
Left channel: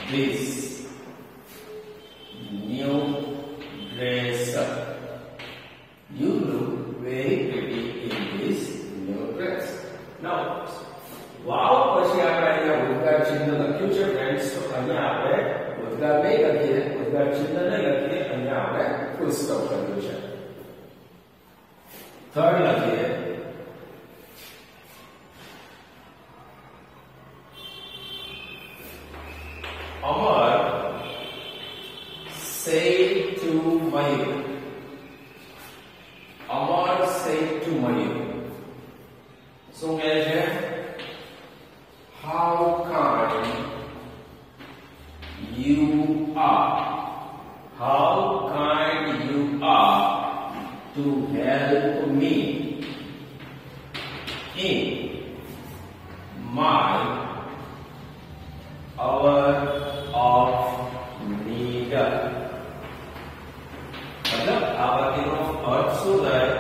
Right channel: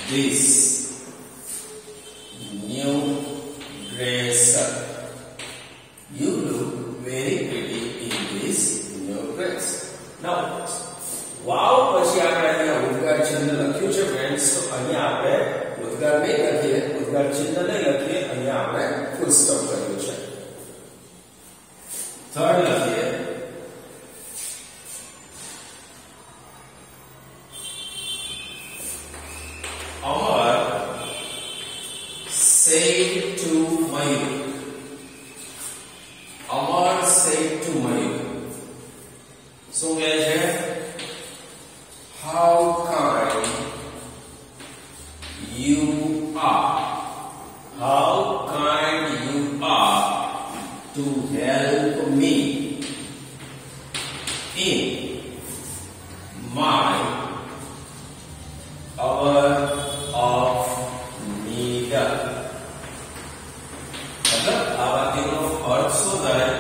this new dress. You look very pretty in this new dress. Now, wow પછી આપણે અહીંયા ઉદ્ગાર ચિહ્ન લખ્યું છે friends તો અહીંયા આપણે ઉદ્ગાર નહીં લખીએ ઉદ્ગાર ચિહ્ન નહીં લખીએ અહીંયા આપણે ફૂલ સ્ટોપ કર્યું છે થર્ડ લખીએ Amar said to Mayur. Amar said to Mayur. So guys, how kind you are. How kind you are to help me in my hour of need. मतलब આ વાક્યનો અર્થ શું થાય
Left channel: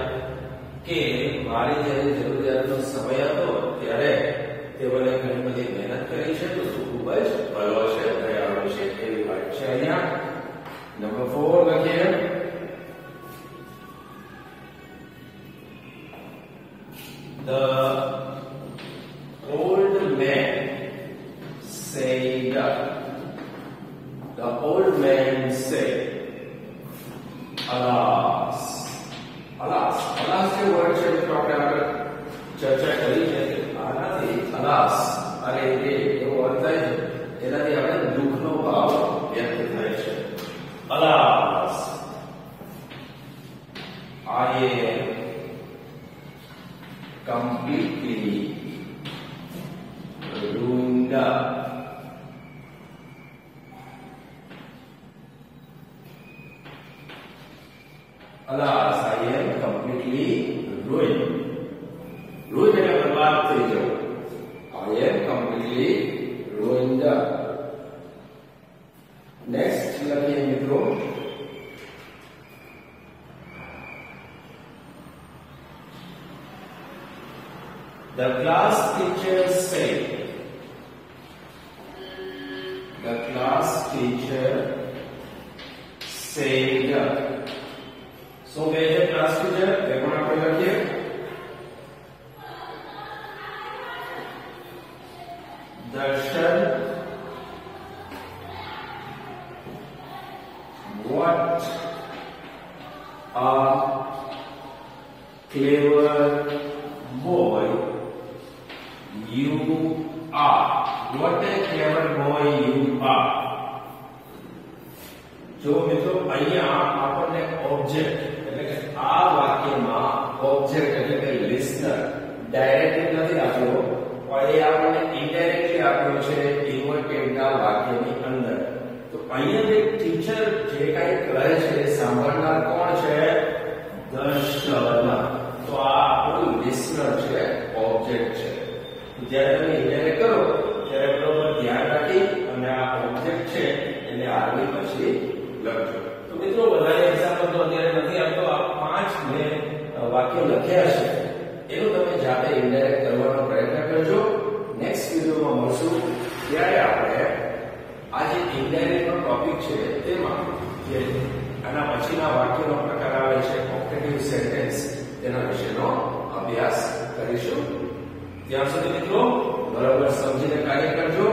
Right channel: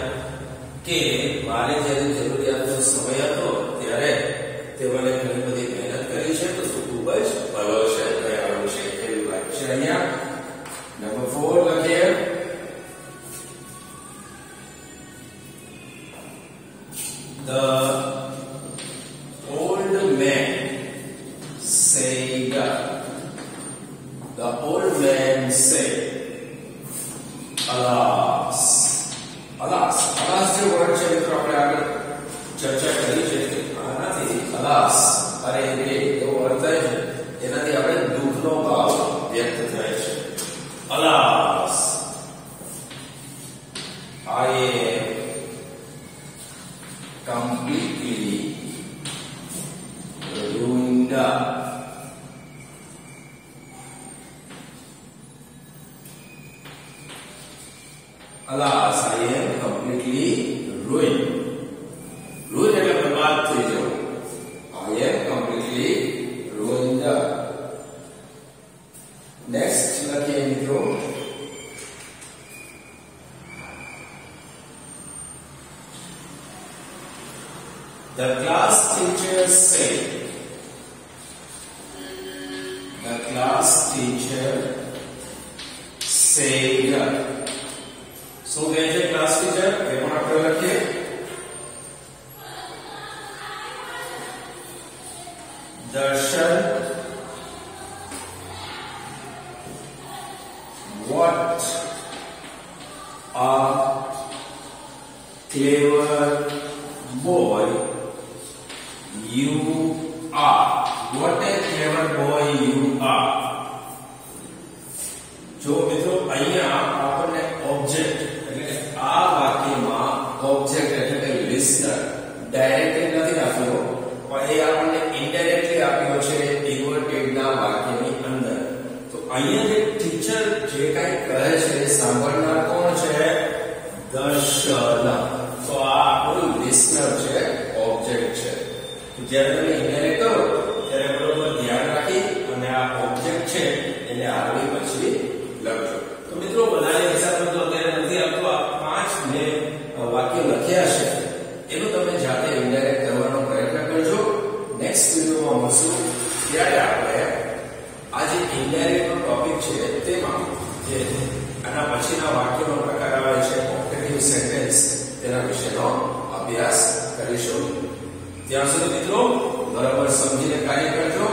કે મારે જ્યારે જરૂરિયાતનો સમય હતો ત્યારે તે મને ઘણી બધી મહેનત કરી છે તો તું ખૂબ જ ભલો છે દયાળુ છે એવી વાત છે અહીંયા નંબર 4 લખીએ The old man said say. Alas. Alas. Alas જે વર્ડ છે મિત્રો આપણે આગળ ચર્ચા કરી છે કે આનાથી alas અરે રે એવો અર્થ થાય છે, એનાથી આપણે દુઃખનો ભાવ વ્યક્ત થાય છે. Alas, I am completely ruined. Alas, I am completely ruined. Ruined એટલે બરબાદ થઈ જવું. I am completely ruined. Next લખીએ મિત્રો. The class teacher said. The class teacher said. So where is the class teacher? We want to write here. Darshan, what a clever boy you are. What a clever boy you are. જો મિત્રો અહીંયા આપણને object એટલે કે આ વાક્યમાં object એટલે કે લિસનર ડાયરેક્ટલી નથી આપ્યો, પણ એ આપણને ઇનડાયરેક્ટલી આપ્યો છે ઇન્વર્ટેડ ના વાક્યની અંદર. તો અહીંયા જે ટીચર જે કંઈ કહે છે એ સાંભળનાર કોણ છે? દર્શન. તો આ આપણું લિસનર છે, ઓબ્જેક્ટ છે. જ્યારે તમે ઇનડાયરેક્ટ કરો ત્યારે બરોબર ધ્યાન રાખી અને આ ઓબ્જેક્ટ છે એને આગળ પછી લખજો. તો મિત્રો વધારે હિસાબમાં તો અત્યારે નથી આપતો, આ 5 મેં વાક્યો લખ્યા છે એનું તમે જાતે ઇનડાયરેક્ટ કરવાનો પ્રયત્ન કરજો. નેક્સ્ટ વિડિયોમાં મળશું ત્યારે આપણે આ જે ઇનડાયરેક્ટ નો ટોપિક છે તેમાં જે આના પછીના વાક્યોનો પ્રકાર આવે છે કોમ્પિટિટિવ સેન્ટેન્સ, તેના વિશેનો અભ્યાસ કરીશું. ત્યાં સુધી મિત્રો બરાબર સમજીને કાર્ય કરજો.